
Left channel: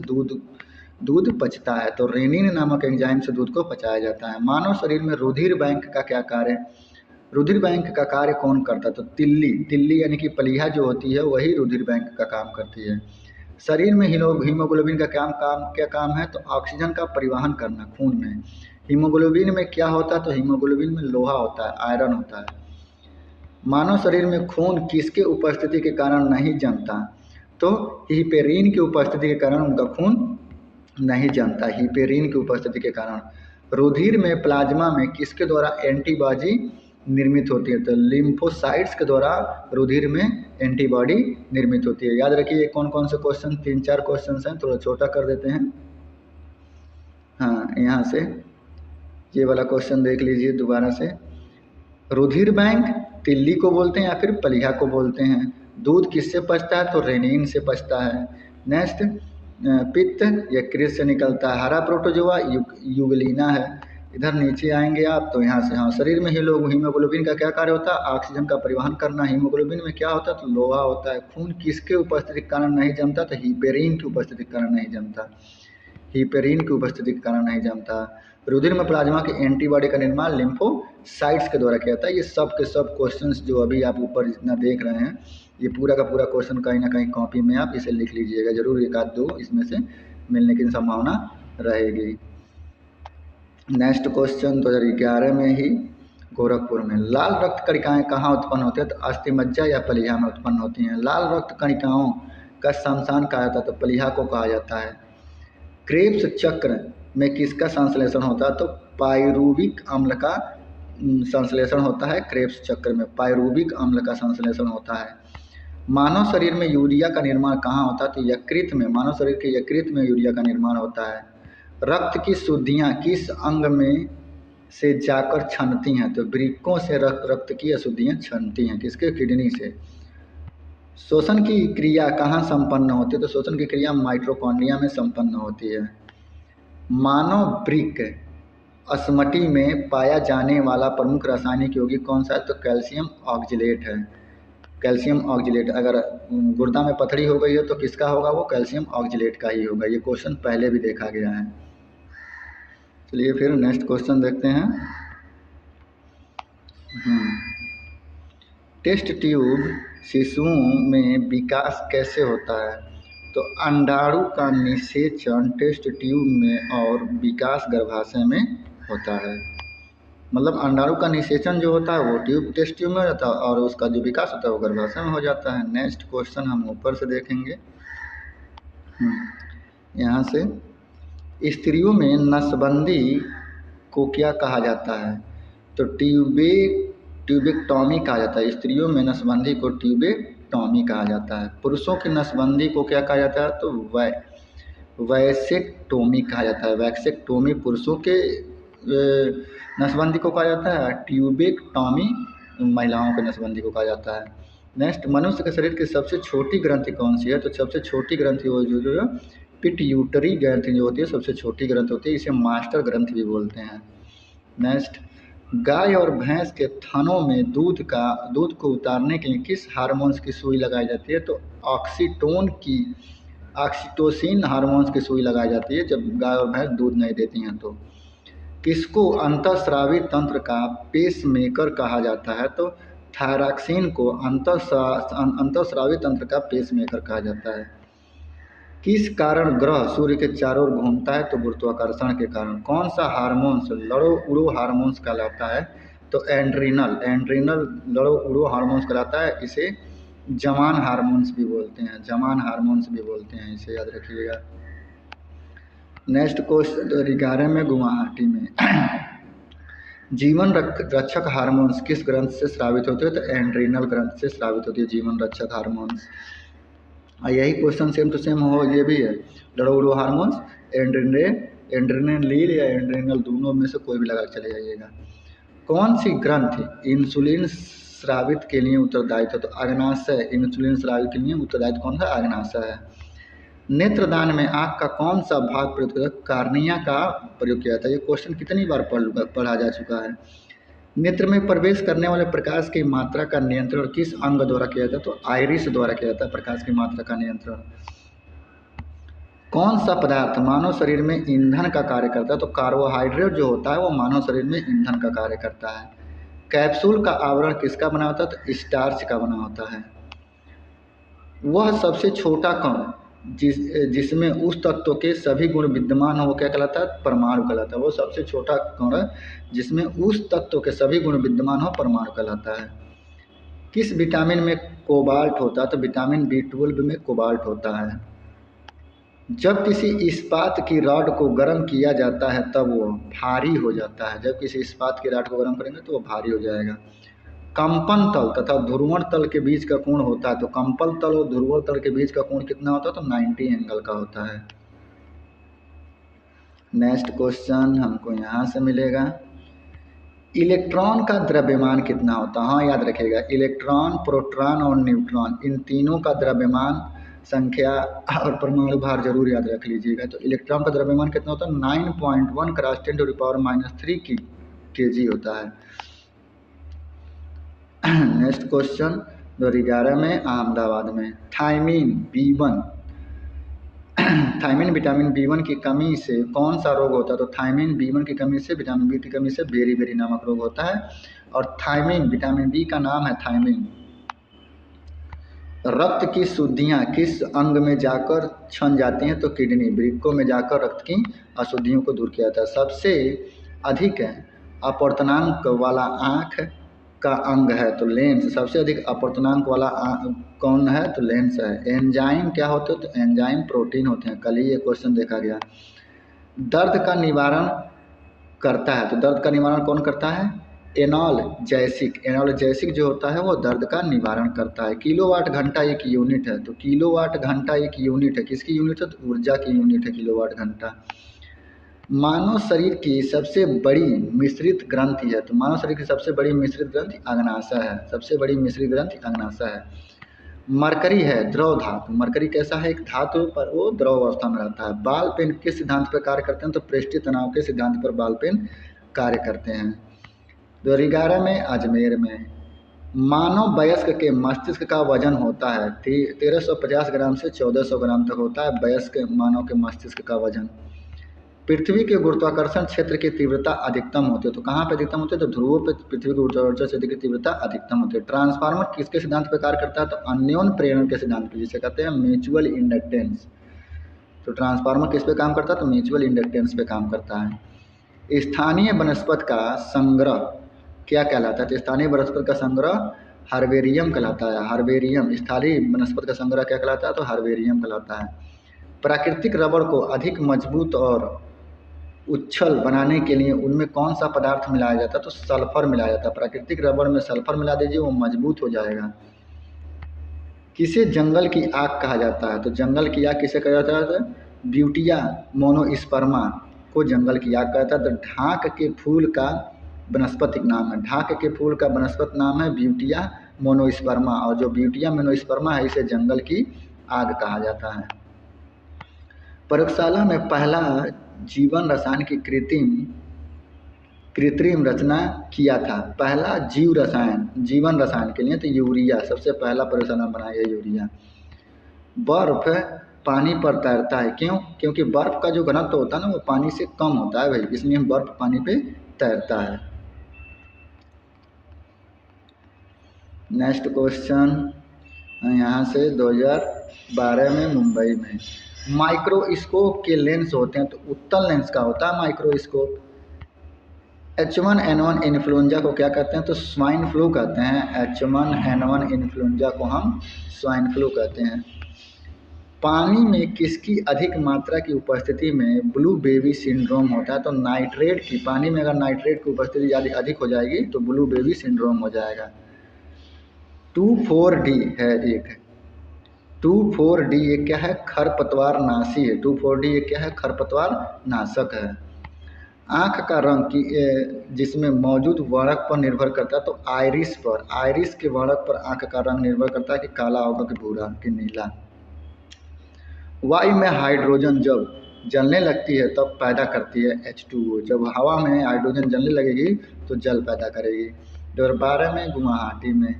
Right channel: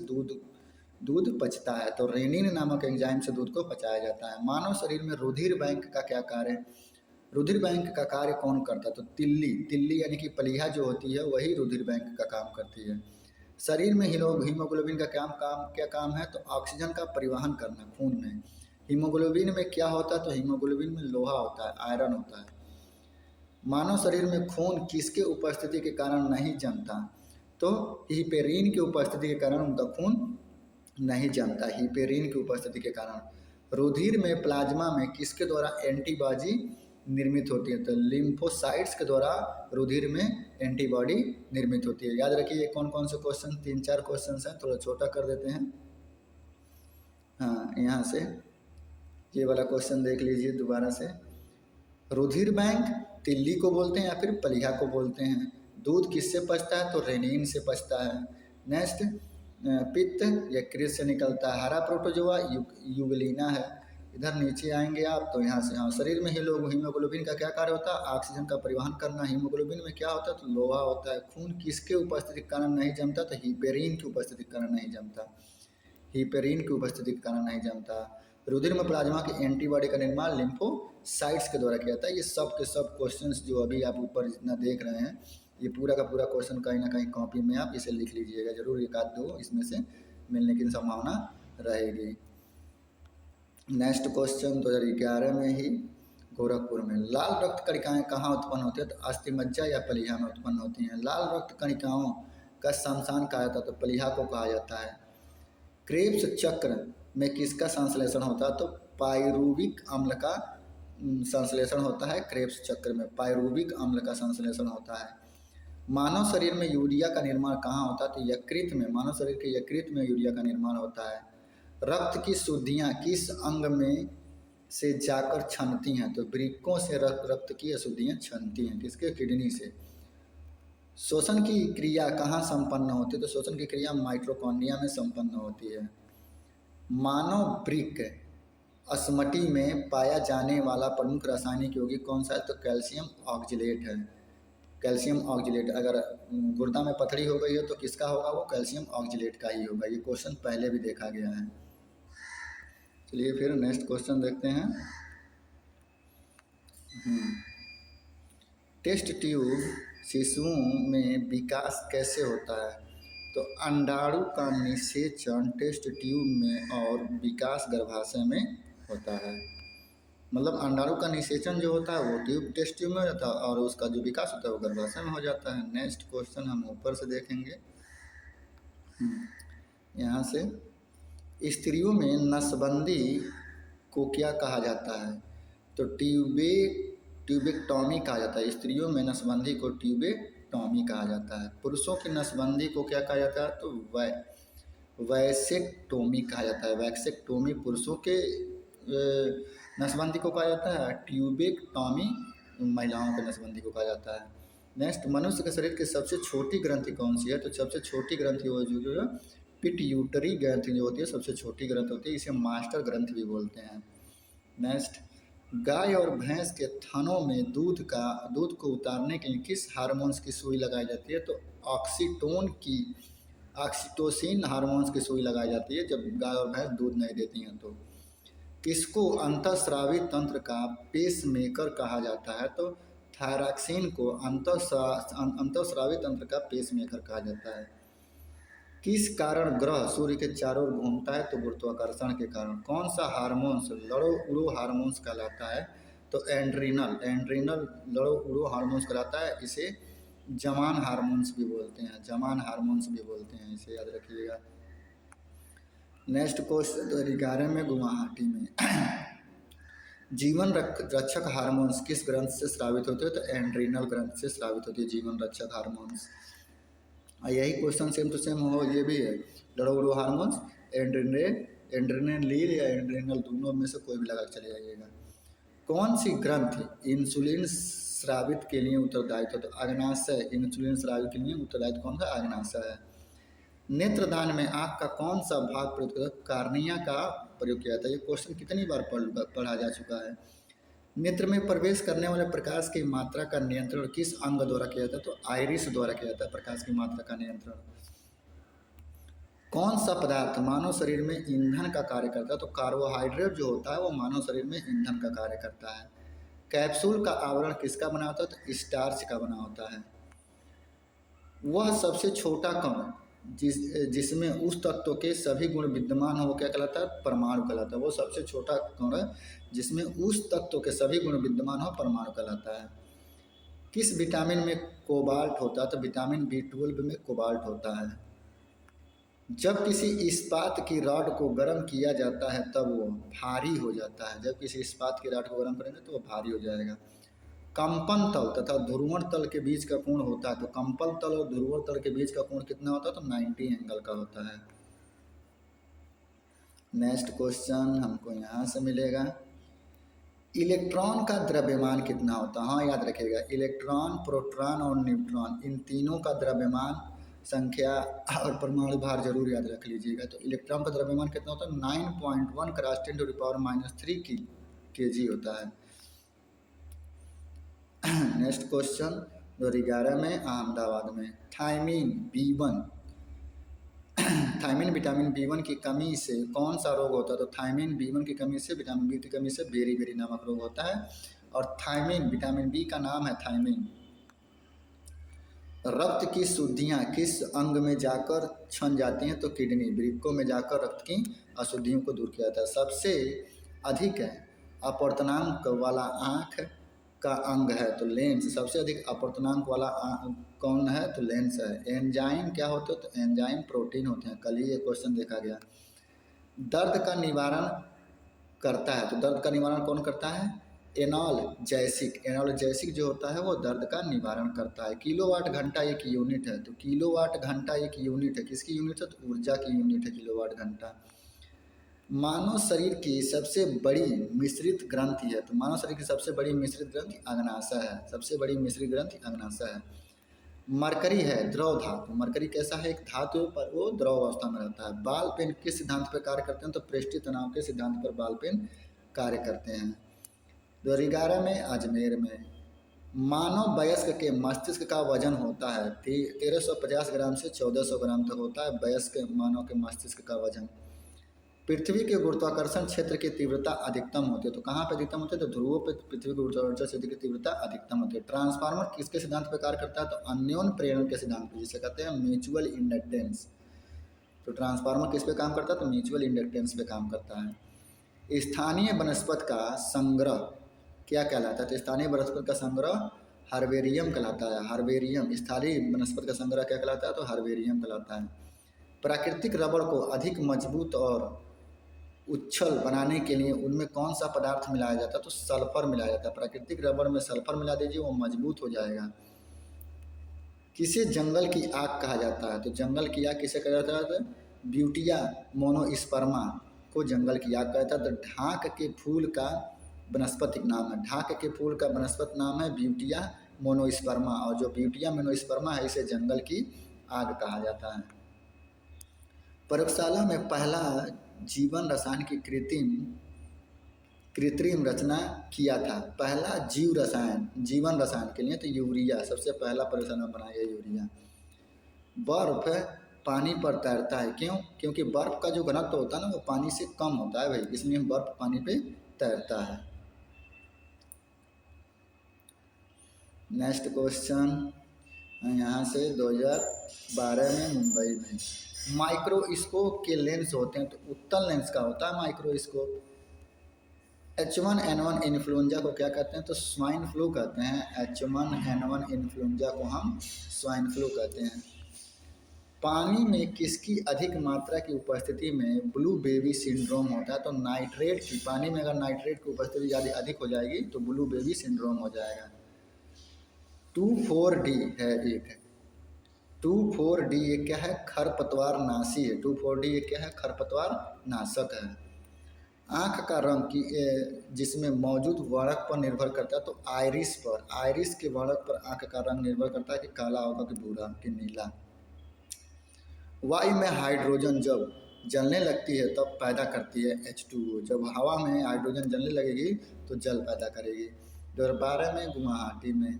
दूध पचता है, तो रेनिन नामक एंजाइम से दूध को पचाया जाता है। मानव शरीर में रुधिर बैंक का क्या कार्य? रुधिर बैंक का कार्य कौन करता है? तो तिल्ली यानी कि पलीहा जो होती है वही रुधिर बैंक का काम करती है। शरीर में हीमोग्लोबिन का क्या काम है? तो ऑक्सीजन का परिवहन करना खून में। हीमोग्लोबिन में क्या होता है? तो हीमोग्लोबिन में लोहा होता है, आयरन होता है। मानव शरीर में खून किसके उपस्थिति के कारण नहीं जमता? तो हिपेरिन की उपस्थिति के कारण उनका खून नहीं जमता, हिपेरिन की उपस्थिति के कारण। रुधिर में प्लाज्मा में किसके द्वारा एंटीबॉडी निर्मित होती है? तो लिम्फोसाइट्स के द्वारा रुधिर में एंटीबॉडी निर्मित होती है। याद रखिए कौन कौन से क्वेश्चन, 3-4 क्वेश्चन हैं, थोड़ा छोटा कर देते हैं। हाँ, यहाँ से ये वाला क्वेश्चन देख लीजिए दोबारा से। रुधिर बैंक तिल्ली को बोलते हैं या फिर पलीहा को बोलते हैं। दूध किससे पचता है? तो रेनिन से पचता है। नेक्स्ट, पित्त यकृत से निकलता है। हरा प्रोटोजोआ यूगलीना है। इधर नीचे आएंगे आप तो यहाँ से, हाँ, शरीर में हीमोग्लोबिन का क्या कार्य होता है? ऑक्सीजन का परिवहन करना। हीमोग्लोबिन में क्या होता है? तो लोहा होता है। खून किसके उपस्थिति के कारण नहीं जमता? तो हिपेरिन की उपस्थिति के कारण नहीं जमता। हिपेरिन की उपस्थिति के कारण नहीं जमता। रुधिर में प्लाज्मा की एंटीबॉडी का निर्माण लिम्फोसाइट्स के द्वारा किया जाता है। ये सब के सब क्वेश्चंस जो अभी आप ऊपर जितना देख रहे हैं, ये पूरा का पूरा क्वेश्चन कहीं ना कहीं कॉपी में आप इसे लिख लीजिएगा जरूर, एक आध दो इसमें से मिलने की संभावना रहेगी। नेक्स्ट क्वेश्चन 2011 में ही गोरखपुर में, लाल रक्त कणिकाएं कहाँ उत्पन्न होती है? तो अस्थिमज्जा या प्लीहा में उत्पन्न होती हैं। लाल रक्त कणिकाओं का शमशान कहा जाता है? तो प्लीहा को कहा जाता है। क्रेब्स चक्र में किसका संश्लेषण होता है? तो पाइरूविक अम्ल का संश्लेषण होता है। क्रेब्स चक्र में पाइरूविक अम्ल का संश्लेषण होता है। मानव शरीर में यूरिया का निर्माण कहाँ होता है? तो यकृत में, मानव शरीर के यकृत में यूरिया का निर्माण होता है। रक्त की शुद्धियाँ किस अंग में से जाकर छनती हैं? तो वृक्कों से रक्त की अशुद्धियाँ छनती हैं। किसके? किडनी से। शोषण की क्रिया कहाँ संपन्न होती है? तो शोषण की क्रिया माइटोकॉन्ड्रिया में संपन्न होती है। मानव वृक्क अस्मटी में पाया जाने वाला प्रमुख रासायनिक यौगिक कौन सा है? तो कैल्शियम ऑक्जिलेट है। Calcium oxalate. अगर गुर्दा में पथरी हो गई है तो किसका होगा? वो कैल्शियम ऑक्जिलेट का ही होगा। ये क्वेश्चन पहले भी देखा गया है। चलिए फिर नेक्स्ट क्वेश्चन देखते हैं। टेस्ट ट्यूब शिशुओं में विकास कैसे होता है? तो अंडाणु का निषेचन टेस्ट ट्यूब में और विकास गर्भाशय में होता है। मतलब अंडाणु का निषेचन जो होता है वो टेस्ट ट्यूब में हो जाता है और उसका जो विकास होता है वो गर्भाशय में हो जाता है। नेक्स्ट क्वेश्चन हम ऊपर से देखेंगे। यहाँ से, स्त्रियों में नसबंदी को क्या कहा जाता है? तो ट्यूबेक्टॉमी कहा जाता है। स्त्रियों में नसबंदी को ट्यूबेक्टॉमी कहा जाता है। पुरुषों की नसबंदी को क्या कहा जाता है? तो वैसेक्टोमी कहा जाता है। वैसेक्टोमी पुरुषों के नसबंदी को कहा जाता है। ट्यूबेक्टॉमी महिलाओं के नसबंदी को कहा जाता है। नेक्स्ट, मनुष्य के शरीर की सबसे छोटी ग्रंथि कौन सी है? तो सबसे छोटी ग्रंथि वो जो पिट्यूटरी ग्रंथि जो होती है सबसे छोटी ग्रंथि होती है। इसे मास्टर ग्रंथि भी बोलते हैं। नेक्स्ट, गाय और भैंस के थनों में दूध को उतारने के लिए किस हार्मोन्स की सुई लगाई जाती है? तो ऑक्सीटोसिन हार्मोन्स की सुई लगाई जाती है जब गाय और भैंस दूध नहीं देती हैं। तो किसको अंतःस्रावी तंत्र का पेसमेकर कहा जाता है? तो थायरॉक्सिन को अंतःस्रावी तंत्र का पेसमेकर कहा जाता है। किस कारण ग्रह सूर्य के चारों ओर घूमता है? तो गुरुत्वाकर्षण के कारण। कौन सा हार्मोन्स लड़ो उड़ो हार्मोन्स कहलाता है? तो एंड्रीनल लड़ो उड़ो हार्मोन्स कहलाता है। इसे जमान हार्मोन्स भी बोलते हैं। जमान हार्मोन्स भी बोलते हैं, इसे याद रखिएगा। नेक्स्ट क्वेश्चन 2011 में गुवाहाटी में जीवन रक्षक हार्मोन्स किस ग्रंथ से स्रावित होते हैं? तो एंड्रीनल ग्रंथ से स्रावित होती है जीवन रक्षक हार्मोन्स। यही क्वेश्चन सेम टू सेम हो, ये भी है। लड़ो उड़ो हार्मोन्स एंड्रेनलिन या एंड्रेनल, दोनों में से कोई भी लगा चले जाइएगा। कौन सी ग्रंथि इंसुलिन स्रावित के लिए उत्तरदायित्व? तो अग्नाशय। इंसुलिन स्रावित के लिए उत्तरदायित्व कौन सा? अग्नाशय है। नेत्रदान में आँख का कौन सा भाग प्रयुक्त होता है? कार्निया का प्रयोग किया जाता है। ये क्वेश्चन कितनी बार पढ़ा जा चुका है। नेत्र में प्रवेश करने वाले प्रकाश की मात्रा का नियंत्रण किस अंग द्वारा किया जाता है? तो आइरिस द्वारा किया जाता है प्रकाश की मात्रा का नियंत्रण। कौन सा पदार्थ मानव शरीर में ईंधन का कार्य करता है? तो कार्बोहाइड्रेट जो होता है वो मानव शरीर में ईंधन का कार्य करता है। कैप्सूल का आवरण किसका बना होता है? तो स्टार्च का बना होता है। वह सबसे छोटा कण जिसमें उस तत्व के सभी गुण विद्यमान हो, क्या कहलाता है? परमाणु कहलाता है। वो सबसे छोटा कण जिसमें उस तत्व के सभी गुण विद्यमान हो, परमाणु कहलाता है। किस विटामिन में कोबाल्ट होता है? तो विटामिन B12 में कोबाल्ट होता है। जब किसी इस्पात की रॉड को गर्म किया जाता है तब वो भारी हो जाता है। जब किसी इस्पात की रॉड को गर्म करेंगे तो वो भारी हो जाएगा। कंपन तल तथा ध्रुवण तल के बीच का कोण होता है। तो कंपन तल और ध्रुवण तल के बीच का कोण कितना होता है? तो 90 एंगल का होता है। नेक्स्ट क्वेश्चन हमको यहाँ से मिलेगा। इलेक्ट्रॉन का द्रव्यमान कितना होता है? हाँ, याद रखिएगा। इलेक्ट्रॉन, प्रोटॉन और न्यूट्रॉन, इन तीनों का द्रव्यमान, संख्या और परमाणु भार जरूर याद रख लीजिएगा। तो इलेक्ट्रॉन का द्रव्यमान कितना होता है? 9.1 × 10⁻³ kg होता है। नेक्स्ट क्वेश्चन 2011 में अहमदाबाद में thymine B1 thiamine vitamin B1 की कमी से कौन सा रोग होता है? तो थायमिन B1 की कमी से, विटामिन बी की कमी से बेरी नामक रोग होता है। और थायमिन, विटामिन बी का नाम है थायमिन। रक्त की शुद्धियाँ किस अंग में जाकर छन जाती हैं? तो किडनी, वृक्कों में जाकर रक्त की अशुद्धियों को दूर किया जाता है। सबसे अधिक अपवर्तनांक वाला आँख का अंग है तो लेंस। सबसे अधिक अपवर्तनांक वाला कौन है? तो लेंस है। एंजाइम क्या होते हैं? तो एंजाइम प्रोटीन होते हैं। कल ही ये क्वेश्चन देखा गया। दर्द का निवारण करता है तो दर्द का निवारण कौन करता है? एनाल्जेसिक। एनाल्जेसिक जो होता है वो दर्द का निवारण करता है। किलोवाट घंटा एक यूनिट है तो किलोवाट घंटा एक यूनिट है। किसकी यूनिट है? तो ऊर्जा की यूनिट है किलोवाट घंटा। मानव शरीर की सबसे बड़ी मिश्रित ग्रंथि है तो मानव शरीर की सबसे बड़ी मिश्रित ग्रंथि अग्नाशय है। सबसे बड़ी मिश्रित ग्रंथि अग्नाशय है। मरकरी है द्रव धातु। मरकरी कैसा है? एक धातु पर वो द्रव अवस्था में रहता है। बाल पेन किस सिद्धांत पर कार्य करते हैं? तो पृष्ठीय तनाव के सिद्धांत पर बाल पेन कार्य करते हैं। 2011 में अजमेर में मानव वयस्क के मस्तिष्क का वजन होता है 1350 ग्राम से 1400 ग्राम तक होता है वयस्क मानव के मस्तिष्क का वजन। पृथ्वी के गुरुत्वाकर्षण क्षेत्र की तीव्रता अधिकतम होती है तो कहाँ पे अधिकतम होती है? तो ध्रुवों पे पृथ्वी के गुरुत्वाकर्षण क्षेत्र की तीव्रता अधिकतम होती है। ट्रांसफार्मर किसके सिद्धांत पर कार्य करता है? तो अन्योन प्रेरण के सिद्धांत पर, जिसे कहते हैं म्यूचुअल इंडक्टेंस। तो ट्रांसफार्मर किस पे काम करता है? तो म्यूचुअल इंडक्टेंस पे काम करता है। स्थानीय वनस्पति का संग्रह क्या कहलाता है? तो स्थानीय वनस्पति का संग्रह हर्बेरियम कहलाता है। हर्बेरियम। स्थानीय वनस्पति का संग्रह क्या कहलाता है? तो हर्बेरियम कहलाता है। प्राकृतिक रबड़ को अधिक मजबूत और उच्छल बनाने के लिए उनमें कौन सा पदार्थ मिलाया जाता है? तो सल्फर मिलाया जाता है। प्राकृतिक रबड़ में सल्फर मिला दीजिए, वो मजबूत हो जाएगा। किसे जंगल की आग कहा जाता है? तो जंगल की आग किसे कहा जाता है? ब्यूटिया मोनोस्पर्मा को जंगल की आग कहा जाता है। तो ढाक के फूल का वनस्पतिक नाम है, ढाक के फूल का वनस्पति नाम है ब्यूटिया मोनोस्पर्मा। और जो ब्यूटिया मोनोस्पर्मा है इसे जंगल की आग कहा जाता है। प्रयोगशाला में पहला जीवन रसायन की कृत्रिम रचना किया था। पहला जीवन रसायन के लिए तो यूरिया सबसे पहला प्रयोगशाला में बनाया गया यूरिया। बर्फ पानी पर तैरता है क्यों? क्योंकि बर्फ का जो घनत्व होता है ना वो पानी से कम होता है भाई, इसलिए बर्फ पानी पे तैरता है। नेक्स्ट क्वेश्चन यहाँ से 2012 में मुंबई में माइक्रोस्कोप के लेंस होते हैं तो उत्तल लेंस का होता है माइक्रोस्कोप। H1N1 इन्फ्लुएंजा को क्या कहते हैं? तो स्वाइन फ्लू कहते हैं। H1N1 इन्फ्लुएंजा को हम स्वाइन फ्लू कहते हैं। पानी में किसकी अधिक मात्रा की उपस्थिति में ब्लू बेबी सिंड्रोम होता है? तो नाइट्रेट की। पानी में अगर नाइट्रेट की उपस्थिति ज़्यादा अधिक हो जाएगी तो ब्लू बेबी सिंड्रोम हो जाएगा। 2,4-D है एक। 2,4-D ये क्या है? खरपतवार नाशी है। 2,4-D ये क्या है? खरपतवार नाशक है। आँख का रंग की जिसमें मौजूद वर्णक पर निर्भर करता है तो आइरिस पर। आइरिस के वर्णक पर आँख का रंग निर्भर करता है कि काला होगा कि भूरा कि नीला। वायु में हाइड्रोजन जब जलने लगती है तब पैदा करती है H2O। जब हवा में हाइड्रोजन जलने लगेगी तो जल पैदा करेगी। 2012 में गुवाहाटी में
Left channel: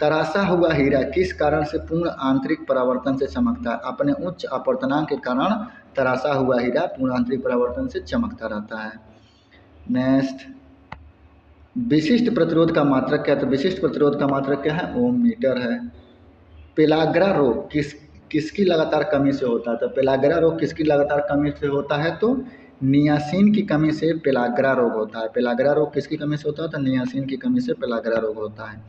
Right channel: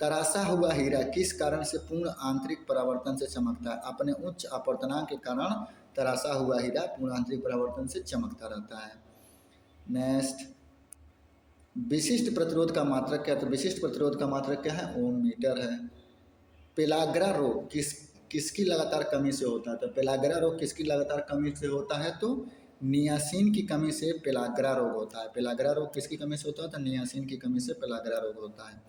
तराशा हुआ हीरा किस कारण से पूर्ण आंतरिक परावर्तन से चमकता है? अपने उच्च अपवर्तनांक के कारण तराशा हुआ हीरा पूर्ण आंतरिक परावर्तन से चमकता रहता है। नेक्स्ट, विशिष्ट प्रतिरोध का मात्रक क्या है? तो विशिष्ट प्रतिरोध का मात्रक क्या है? ओम मीटर है। पेलाग्रा रोग किसकी लगातार कमी से होता है? तो पेलाग्रा रोग किसकी लगातार कमी से होता है? तो नियासिन की कमी से पेलाग्रा रोग होता है। पेलाग्रा रोग किसकी कमी से होता है? तो नियासिन की कमी से पेलाग्रा रोग होता है।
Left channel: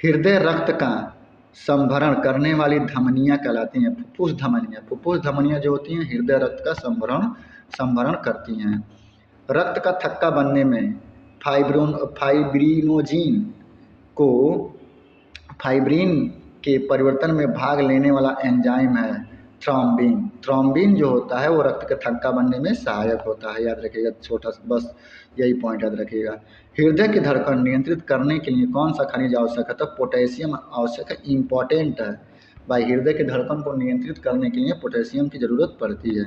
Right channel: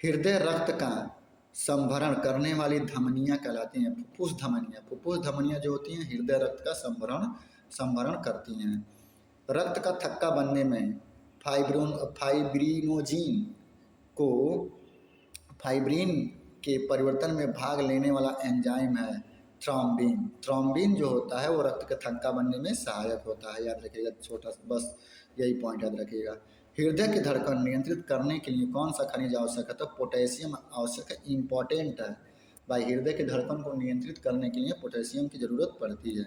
हृदय रक्त का संभरण करने वाली धमनियाँ कहलाती हैं फुफ्फुस धमनियाँ। फुफ्फुस धमनियाँ जो होती हैं हृदय रक्त का संभरण करती हैं। रक्त का थक्का बनने में फाइब्रिन के परिवर्तन में भाग लेने वाला एंजाइम है थ्रोम्बिन। थ्रोम्बिन जो होता है वो रक्त के थक्का बनने में सहायक होता है। याद रखिएगा, छोटा बस यही पॉइंट याद रखिएगा। हृदय की धड़कन नियंत्रित करने के लिए कौन सा खनिज आवश्यक है? तो पोटेशियम आवश्यक है, इम्पॉर्टेंट है भाई। हृदय की धड़कन को नियंत्रित करने के लिए पोटेशियम की ज़रूरत पड़ती है।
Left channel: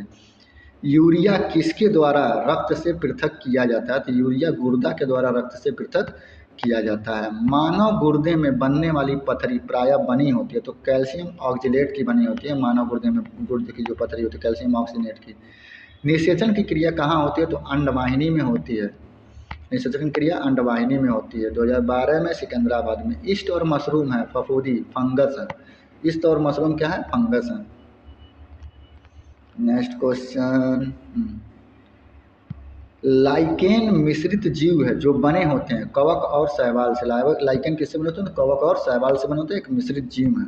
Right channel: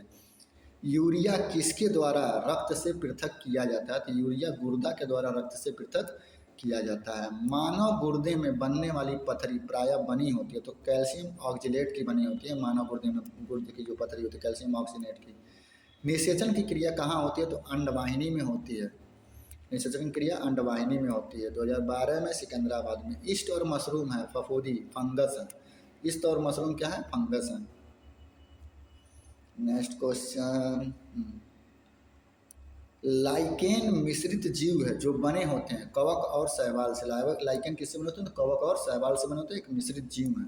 यूरिया किसके द्वारा रक्त से पृथक किया जाता है? तो यूरिया गुर्दा के द्वारा रक्त से पृथक किया जाता है। मानव गुर्दे में बनने वाली पथरी प्रायः बनी होती है, तो कैल्शियम ऑक्जेलेट की बनी होती है। मानव गुर्दे में गुर्दे की जो पथरी होती है कैल्शियम ऑक्सीनेट की। निषेचन की क्रिया कहाँ होती है, तो अंडवाहिनी में होती है। निषेचन की क्रिया अंडवाहिनी में होती है। 2012 में सिकंदराबाद में। ईस्ट और मशरूम है फफूंदी, फंगस है। ईस्ट और मशरूम क्या है, फंगस है। नेक्स्ट क्वेश्चन, लाइकेन मिश्रित जीव है जो बने होते हैं कवक और शैवाल से। लाइकेन किससे बने होते हैं, तो कवक और शैवाल से बने होते हैं, एक मिश्रित जीव है।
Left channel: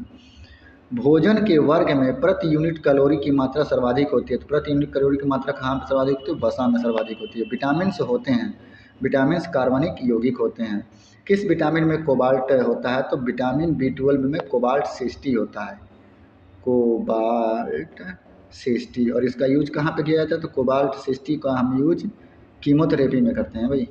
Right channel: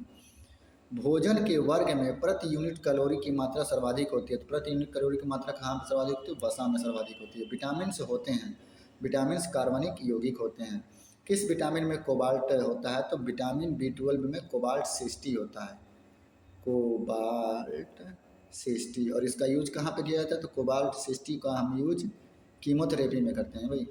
भोजन के वर्ग में प्रति यूनिट कैलोरी की मात्रा सर्वाधिक होती है, तो प्रति यूनिट कैलोरी की मात्रा कहाँ पर सर्वाधिक होती है, वसा में सर्वाधिक होती है। विटामिन से होते हैं, विटामिन कार्बनिक यौगिक होते हैं। किस विटामिन में कोबाल्ट होता है, तो विटामिन B12 में कोबाल्ट 60 होता है, कोबाल्ट 60। और इसका यूज कहाँ पे किया जाता है, तो कोबाल्ट 60 का हम यूज कीमोथेरेपी में करते हैं भाई।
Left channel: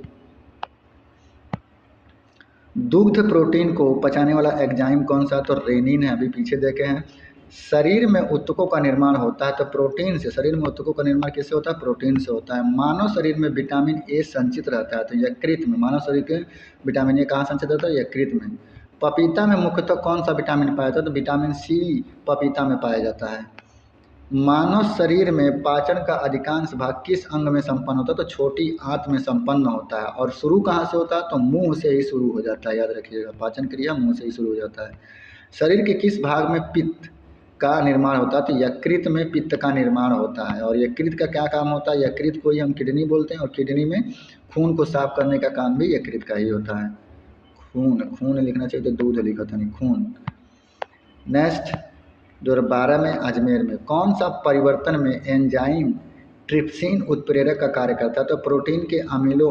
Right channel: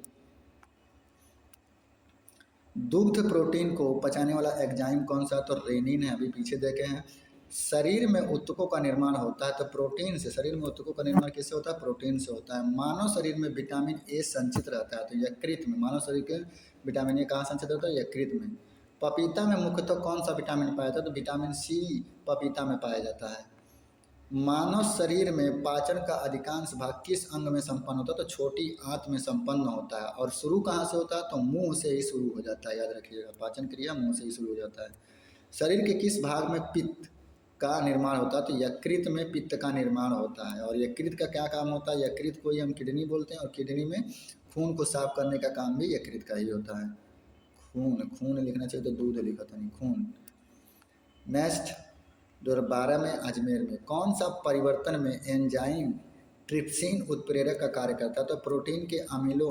दुग्ध प्रोटीन को पचाने वाला एंजाइम कौन सा, तो रेनिन है, अभी पीछे देखे हैं। शरीर में ऊतकों का निर्माण होता है तो प्रोटीन से। शरीर में ऊतकों का निर्माण किससे होता है, प्रोटीन से होता है। मानव शरीर में विटामिन ए संचित रहता है, तो यकृत में। मानव शरीर के विटामिन ए कहाँ संचित रहता है, यकृत में। पपीता में मुख्यतः कौन सा विटामिन पाया जाता है, तो विटामिन सी पपीता में पाया जाता है। मानव शरीर में पाचन का अधिकांश भाग किस अंग में संपन्न होता है, तो छोटी आंत में संपन्न होता है। और शुरू कहाँ से होता है, तो मुंह से ही शुरू हो जाता है, याद रखिएगा, पाचन क्रिया मुंह से ही शुरू हो जाता है। शरीर के किस भाग में पित्त का निर्माण होता है, तो यकृत में पित्त का निर्माण होता है। और यकृत का क्या काम होता है, यकृत को ही हम किडनी बोलते हैं, और किडनी में खून को साफ करने का काम भी यकृत का ही होता है। खून लिखना चाहिए तो दूध लिखा था, नहीं खून। नेक्स्ट, 2012 में अजमेर में कौन सा परिवर्तन में एंजाइम ट्रिप्सिन उत्प्रेरक का कार्य करता है, तो प्रोटीन के अमीनो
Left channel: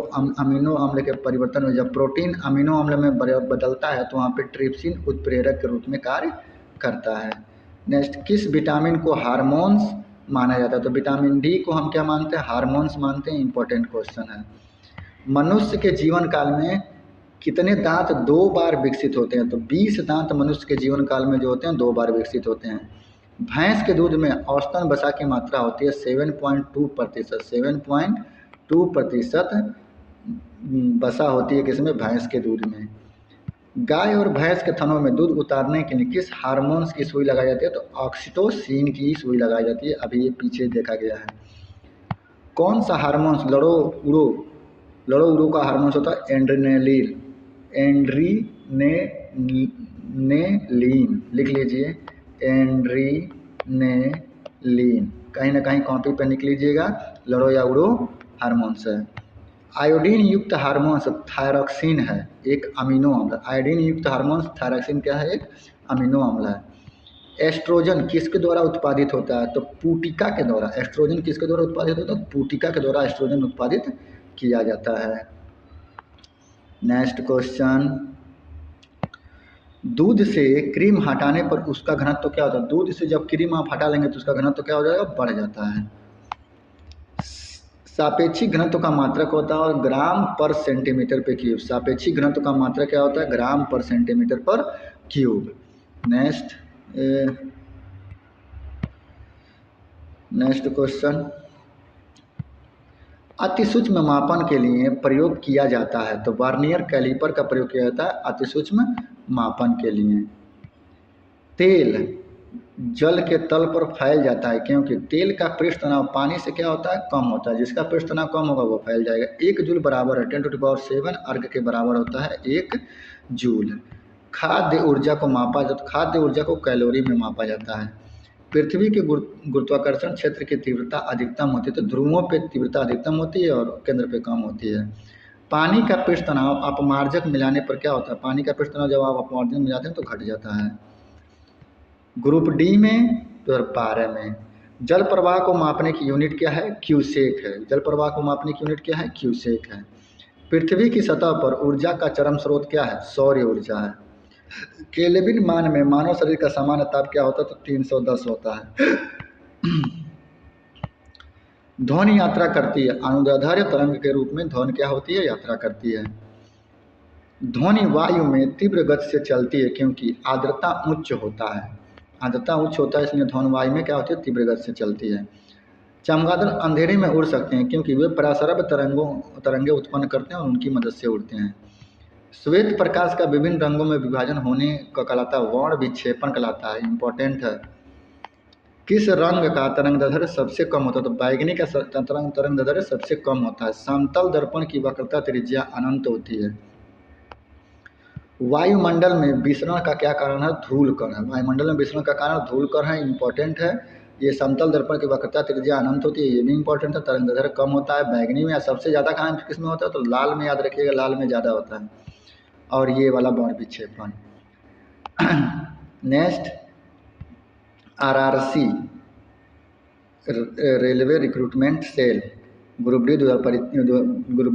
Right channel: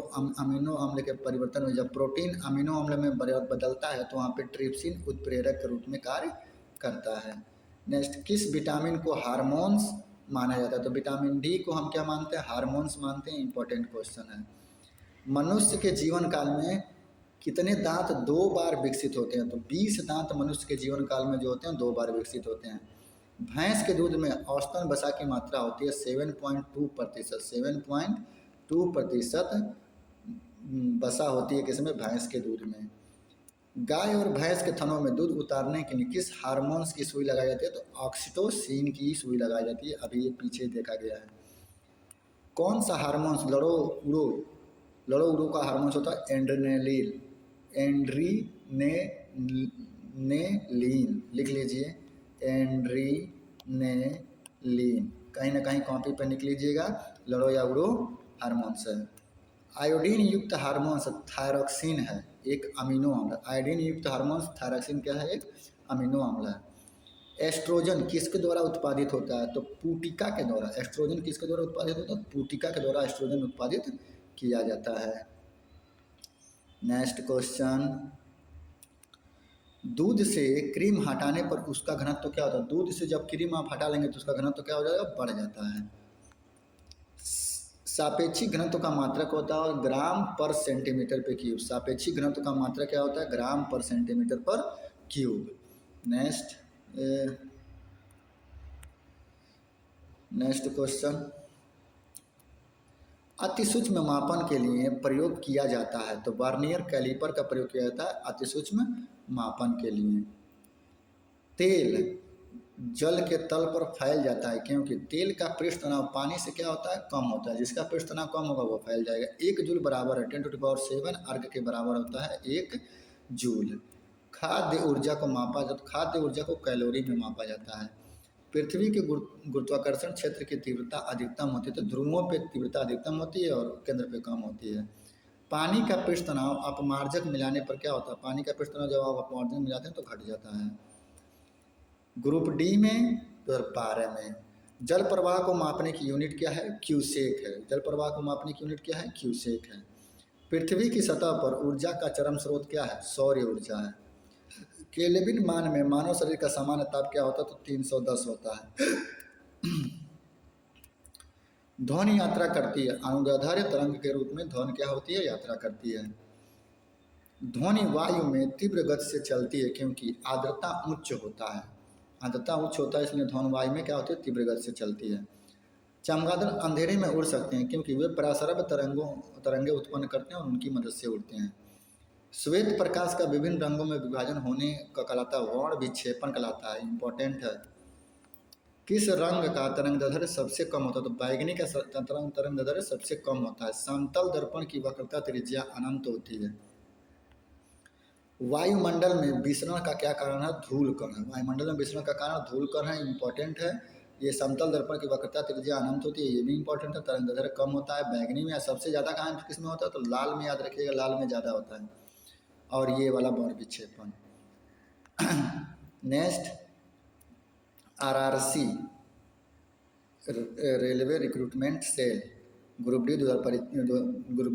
अम्ल के परिवर्तन में जब प्रोटीन अमीनो अम्ल में बदलता है तो वहाँ पे ट्रिप्सिन उत्प्रेरक के रूप में कार्य करता है। नेक्स्ट, किस विटामिन को हार्मोन्स माना जाता है, तो विटामिन डी को हम क्या मानते हैं, हार्मोन्स मानते हैं। इंपॉर्टेंट क्वेश्चन है। मनुष्य के जीवन काल में कितने दांत 2 बार विकसित होते हैं, तो 20 दांत मनुष्य के जीवन काल में जो होते हैं 2 बार विकसित होते हैं। भैंस के दूध में औसतन वसा की मात्रा होती है 7.2%। 7.2% वसा होती है किसमें, भैंस के दूध में। गाय और भैंस के थनों में दूध उतारने के लिए किस हार्मोन्स की सुई लगाई जाती है, तो ऑक्सीटोसिन की सुई लगाई जाती है, अभी ये पीछे देखा गया है। कौन सा हार्मोन्स लड़ो उड़ो का हार्मोन्स होता है, एड्रेनालिन, एड्रीनेलिन, लिख लीजिए, एड्रीनेलिन, कहीं ना कहीं कॉपी पर लिख लीजिएगा, लड़ो या उड़ो हार्मोन्स है। आयोडीन युक्त हार्मोन्स थायरॉक्सिन है, एक अमीनो अम्ल। आयोडीन युक्त हार्मोन्स थायरॉक्सिन क्या है, एक अमीनो अम्ल है। एस्ट्रोजन किसके द्वारा उत्पादित होता है, तो पूटिका के द्वारा। एस्ट्रोजन किसके द्वारा उत्पादित होता है, पूटिका के द्वारा एस्ट्रोजन उत्पादित किया जाता है। नेक्स्ट क्वेश्चन, दूध से क्रीम हटाने पर उसका घनत्व तो क्या होता है, दूध से जब क्रीम आप हटा लेंगे तो उसका घनत्व तो क्या हो जाएगा, बढ़ जाता है। सापेक्षिक घनत्व का मात्रक होता है और ग्राम पर सेंटीमीटर पे क्यूब। सापेक्षिक घनत्व का मात्रक क्या होता है, ग्राम पर सेंटीमीटर पर क्यूब। नेक्स्ट क्वेश्चन, अति सूक्ष्म मापन के लिए प्रयोग किया जाता है, तो वर्नियर कैलिपर का प्रयोग किया जाता है अति सूक्ष्म मापन के लिए। तेल जल के तल पर फैल जाता है क्योंकि तेल का पृष्ठ तनाव पानी से क्या होता है, कम होता है। जिसका पृष्ठ तनाव कम होगा वो फैल जाएगा। 1 जूल बराबर है 10⁻7 अर्ग के बराबर होता है 1 जूल। खाद्य ऊर्जा को मापा जाता, खाद्य ऊर्जा को कैलोरी में मापा जाता है। पृथ्वी के गुरुत्वाकर्षण क्षेत्र की तीव्रता अधिकतम होती है, तो ध्रुवों पे तीव्रता अधिकतम होती है और केंद्र पे कम होती है। पानी का पृष्ठ तनाव अपमार्जक मिलाने पर क्या होता है, पानी का पृष्ठ तनाव जब आप अपमार्जक मिलाते हैं तो घट जाता है। ग्रुप डी में 2012 में जल प्रवाह को मापने की यूनिट क्या है, क्यूसेक है। जल प्रवाह को मापने की यूनिट क्या है, क्यूसेक है। पृथ्वी की सतह पर ऊर्जा का चरम स्रोत क्या है, सौर ऊर्जा है। केल्विन मान में मानव शरीर का सामान्य ताप क्या होता है, तो 310 होता है। ध्वनि यात्रा करती है, अनुदैर्ध्य तरंग के रूप में ध्वनि क्या होती है, यात्रा करती है। ध्वनि वायु में तीव्र गति से चलती है क्योंकि आर्द्रता उच्च होता है। आर्द्रता उच्च होता है इसलिए ध्वनि वायु में क्या होती है, तीव्र गति से चलती है। चमगादड़ अंधेरे में उड़ सकते हैं क्योंकि वे परासरब तरंगे उत्पन्न करते हैं और उनकी मदद से उड़ते हैं। श्वेत प्रकाश का विभिन्न रंगों में विभाजन होने का कहलाता है वर्ण विक्षेपण कहलाता है, इंपॉर्टेंट है। किस रंग का तरंगदैर्ध्य सबसे कम होता है? तो बैगनी का तरंगदैर्ध्य सबसे कम होता है। समतल दर्पण की वक्रता त्रिज्या अनंत होती है। वायुमंडल में विसरण का क्या कारण है? धूल कण है। वायुमंडल में विसरण का कारण धूल कण है, इंपॉर्टेंट है। ये समतल दर्पण की वक्रता त्रिज्या अनंत होती है, ये भी इंपॉर्टेंट है। तरंगदैर्ध्य कम होता है बैगनी में, सबसे ज़्यादा कहाँ किस में होता है? तो लाल में, याद रखिएगा लाल में ज़्यादा होता है। और ये वाला वर्ण विक्षेपण। Next, RRC railway recruitment cell group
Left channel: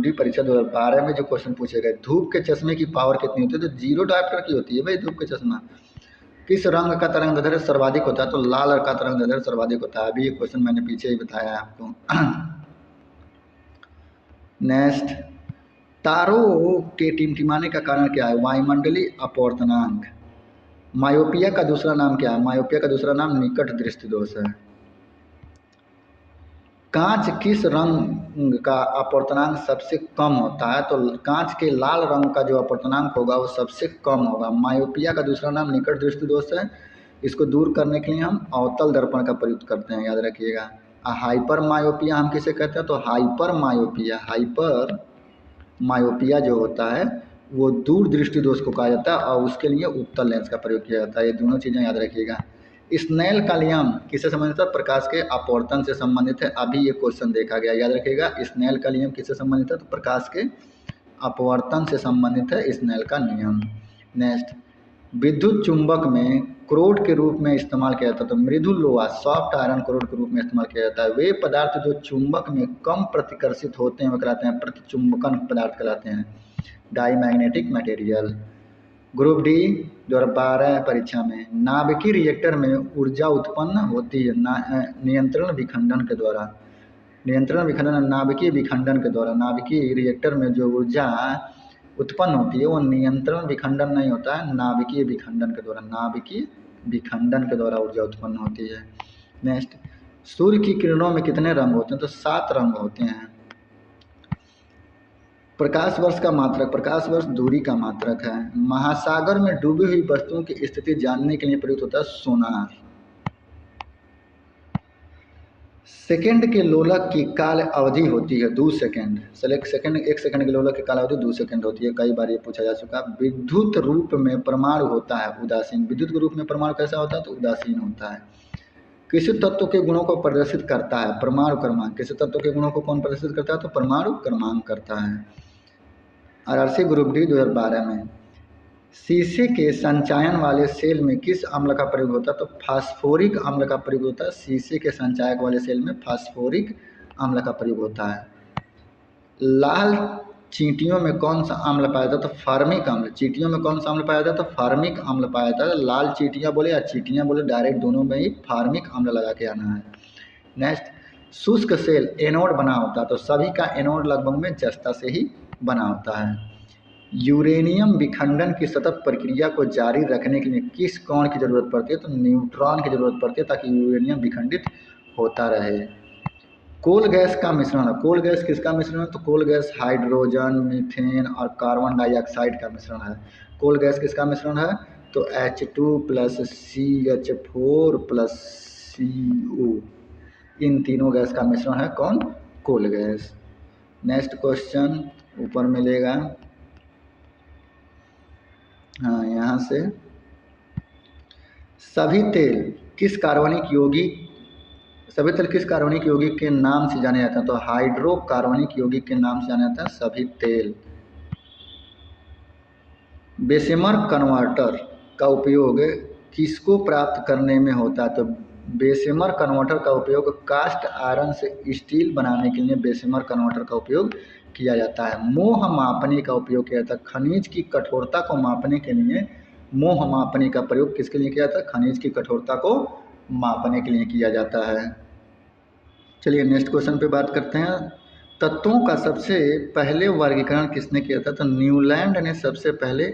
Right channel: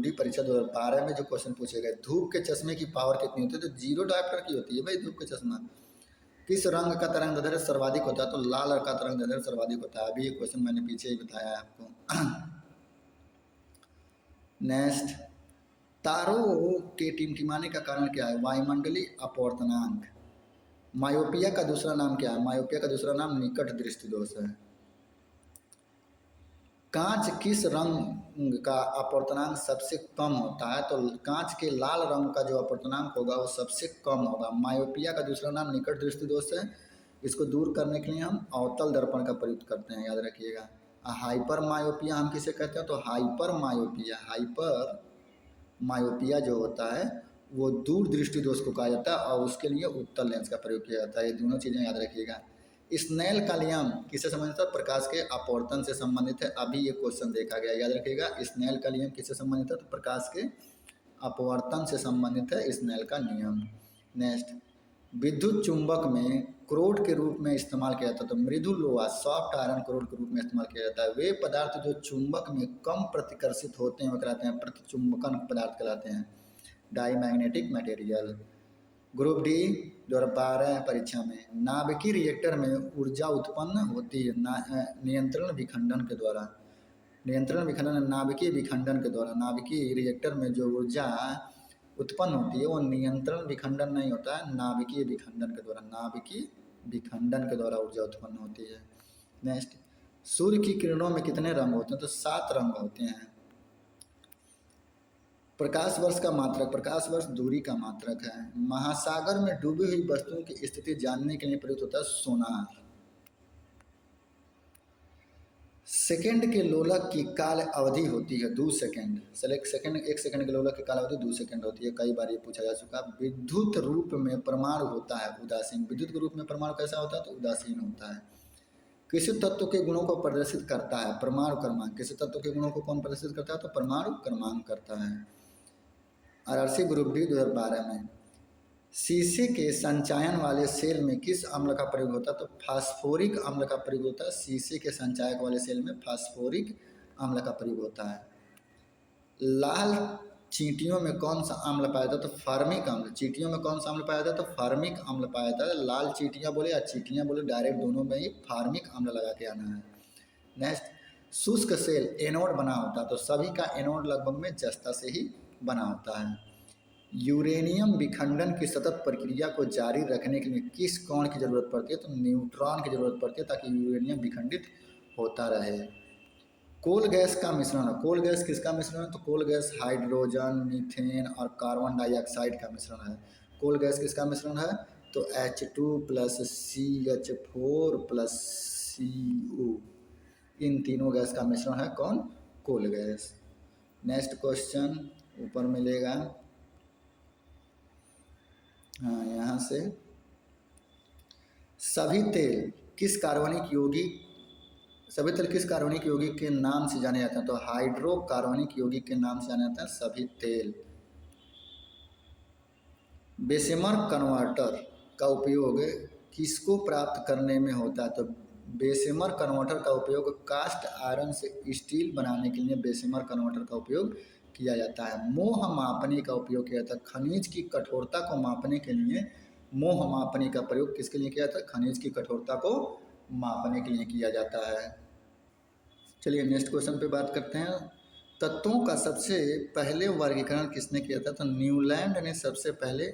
D परीक्षा 2012 में जो क्वेश्चन पूछे गए, धूप के चश्मे की पावर कितनी होती है? तो 0 डायोप्टर की होती है भाई धूप के चश्मा। किस रंग का तरंगदैर्ध्य सर्वाधिक होता है? तो लाल रंग का तरंगदैर्ध्य सर्वाधिक होता है। अभी ये क्वेश्चन मैंने पीछे ही बताया है आपको। नेक्स्ट, तारों के टिमटिमाने का कारण क्या है? वायुमंडलीय अपवर्तनांक। मायोपिया का दूसरा नाम क्या है? मायोपिया का दूसरा नाम निकट दृष्टि दोष है। कांच किस रंग का अपवर्तनांक सबसे कम होता है? तो कांच के लाल रंग का जो अपवर्तनांक होगा वो सबसे कम होगा। मायोपिया का दूसरा नाम निकट दृष्टि दोष है। इसको दूर करने के लिए हम अवतल दर्पण का प्रयोग करते हैं, याद रखिएगा। हाइपर मायोपिया हम किसे कहते हैं? तो हाइपर मायोपिया जो होता है वो दूर दृष्टि दोष को कहा जाता है और उसके लिए उत्तल लेंस का प्रयोग किया जाता है। ये दोनों चीज़ें याद रखिएगा। स्नेल का नियम किससे संबंधित है? प्रकाश के अपवर्तन से संबंधित है। अभी ये क्वेश्चन देखा गया, याद रखिएगा। स्नेल का नियम किससे संबंधित है? तो प्रकाश के अपवर्तन से संबंधित है स्नेल का नियम। नेक्स्ट, विद्युत चुंबक में क्रोड के रूप में इस्तेमाल किया जाता है। तो मृदु लोहा सॉफ्ट आयरन क्रोड के रूप में इस्तेमाल किया जाता है। वे पदार्थ जो चुंबक में कम प्रतिकर्षित होते हैं वो कहलाते हैं प्रतिचुंबकन पदार्थ कहलाते हैं, डाईमैग्नेटिक मटेरियल। ग्रुप डी 2012 परीक्षा में नाभिकीय रिएक्टर में ऊर्जा उत्पन्न होती है नियंत्रण विखंडन के द्वारा। नाभिकीय विखंडन के द्वारा। नाभिकीय रिएक्टर में जो ऊर्जा उत्पन्न होती है वो नियंत्रण विखंडन नहीं होता है, नाभिकीय विखंडन के द्वारा। नाभिकीय विखंडन के द्वारा ऊर्जा उत्पन्न होती है। नेक्स्ट, सूर्य की किरणों में कितने रंग होते हैं? तो 7 रंग होते हैं। प्रकाश वर्ष का मात्रक, प्रकाश वर्ष दूरी का मात्रक है। महासागर में डूबी हुई वस्तुओं की स्थिति जानने के लिए प्रयुक्त होता है सोनार। सेकंड के लोलक की काल अवधि होती है 2 सेकंड। एक सेकंड के लोलक की काल अवधि 2 सेकंड होती है। कई बार ये पूछा जा चुका। विद्युत रूप में परमाणु होता है उदासीन। विद्युत के रूप में परमाणु कैसा होता है? तो उदासीन होता है। किसी तत्व के गुणों को प्रदर्शित करता है? परमाणु क्रमांक। किसी तत्व के गुणों को कौन प्रदर्शित करता है? तो परमाणु क्रमांक करता है। आरआरसी ग्रुप डी 2012 में शीशे के संचायन वाले सेल में किस अम्ल का प्रयोग होता है? तो फास्फोरिक अम्ल का प्रयोग होता है। शीशे के संचायक वाले सेल में फास्फोरिक अम्ल का प्रयोग होता है। लाल चींटियों में कौन सा अम्ल पाया जाता है? तो फार्मिक अम्ल। चींटियों में कौन सा अम्ल पाया जाता है? तो फार्मिक अम्ल पाया जाता है। लाल चींटियाँ बोले या चींटियाँ बोले, डायरेक्ट दोनों में ही फार्मिक अम्ल लगा के आना है। नेक्स्ट, शुष्क सेल एनोड बना होता है। तो सभी का एनोड लगभग में जस्ता से ही बना होता है। यूरेनियम विखंडन की सतत प्रक्रिया को जारी रखने के लिए किस कण की जरूरत पड़ती है? तो न्यूट्रॉन की जरूरत पड़ती है ताकि यूरेनियम विखंडित होता रहे। कोल गैस का मिश्रण। कोल गैस किसका मिश्रण है? तो कोल गैस हाइड्रोजन, मीथेन और कार्बन डाइऑक्साइड का मिश्रण है। कोल गैस किसका मिश्रण है? तो H2 + CH4 + CO, इन तीनों गैस का मिश्रण है कौन? कोल गैस। नेक्स्ट क्वेश्चन ऊपर मिलेगा, हाँ यहाँ से, सभी तेल किस कार्बनिक यौगिक के नाम से जाने जाते हैं? तो हाइड्रोकार्बनिक यौगिक के नाम से जाने जाते हैं सभी तेल। बेशेमर कन्वर्टर का उपयोग किसको प्राप्त करने में होता है? तो बेशेमर कन्वर्टर का उपयोग कास्ट आयरन से स्टील बनाने के लिए बेशेमर कन्वर्टर का उपयोग किया जाता है। मोह मापनी का उपयोग किया जाता है। खनिज की कठोरता को मापने के लिए मोह मापनी का प्रयोग किसके लिए किया जाता है? खनिज की कठोरता को मापने के लिए किया जाता है। चलिए नेक्स्ट क्वेश्चन पे बात करते हैं। तत्वों का सबसे पहले वर्गीकरण किसने किया था? तो न्यूलैंड ने सबसे पहले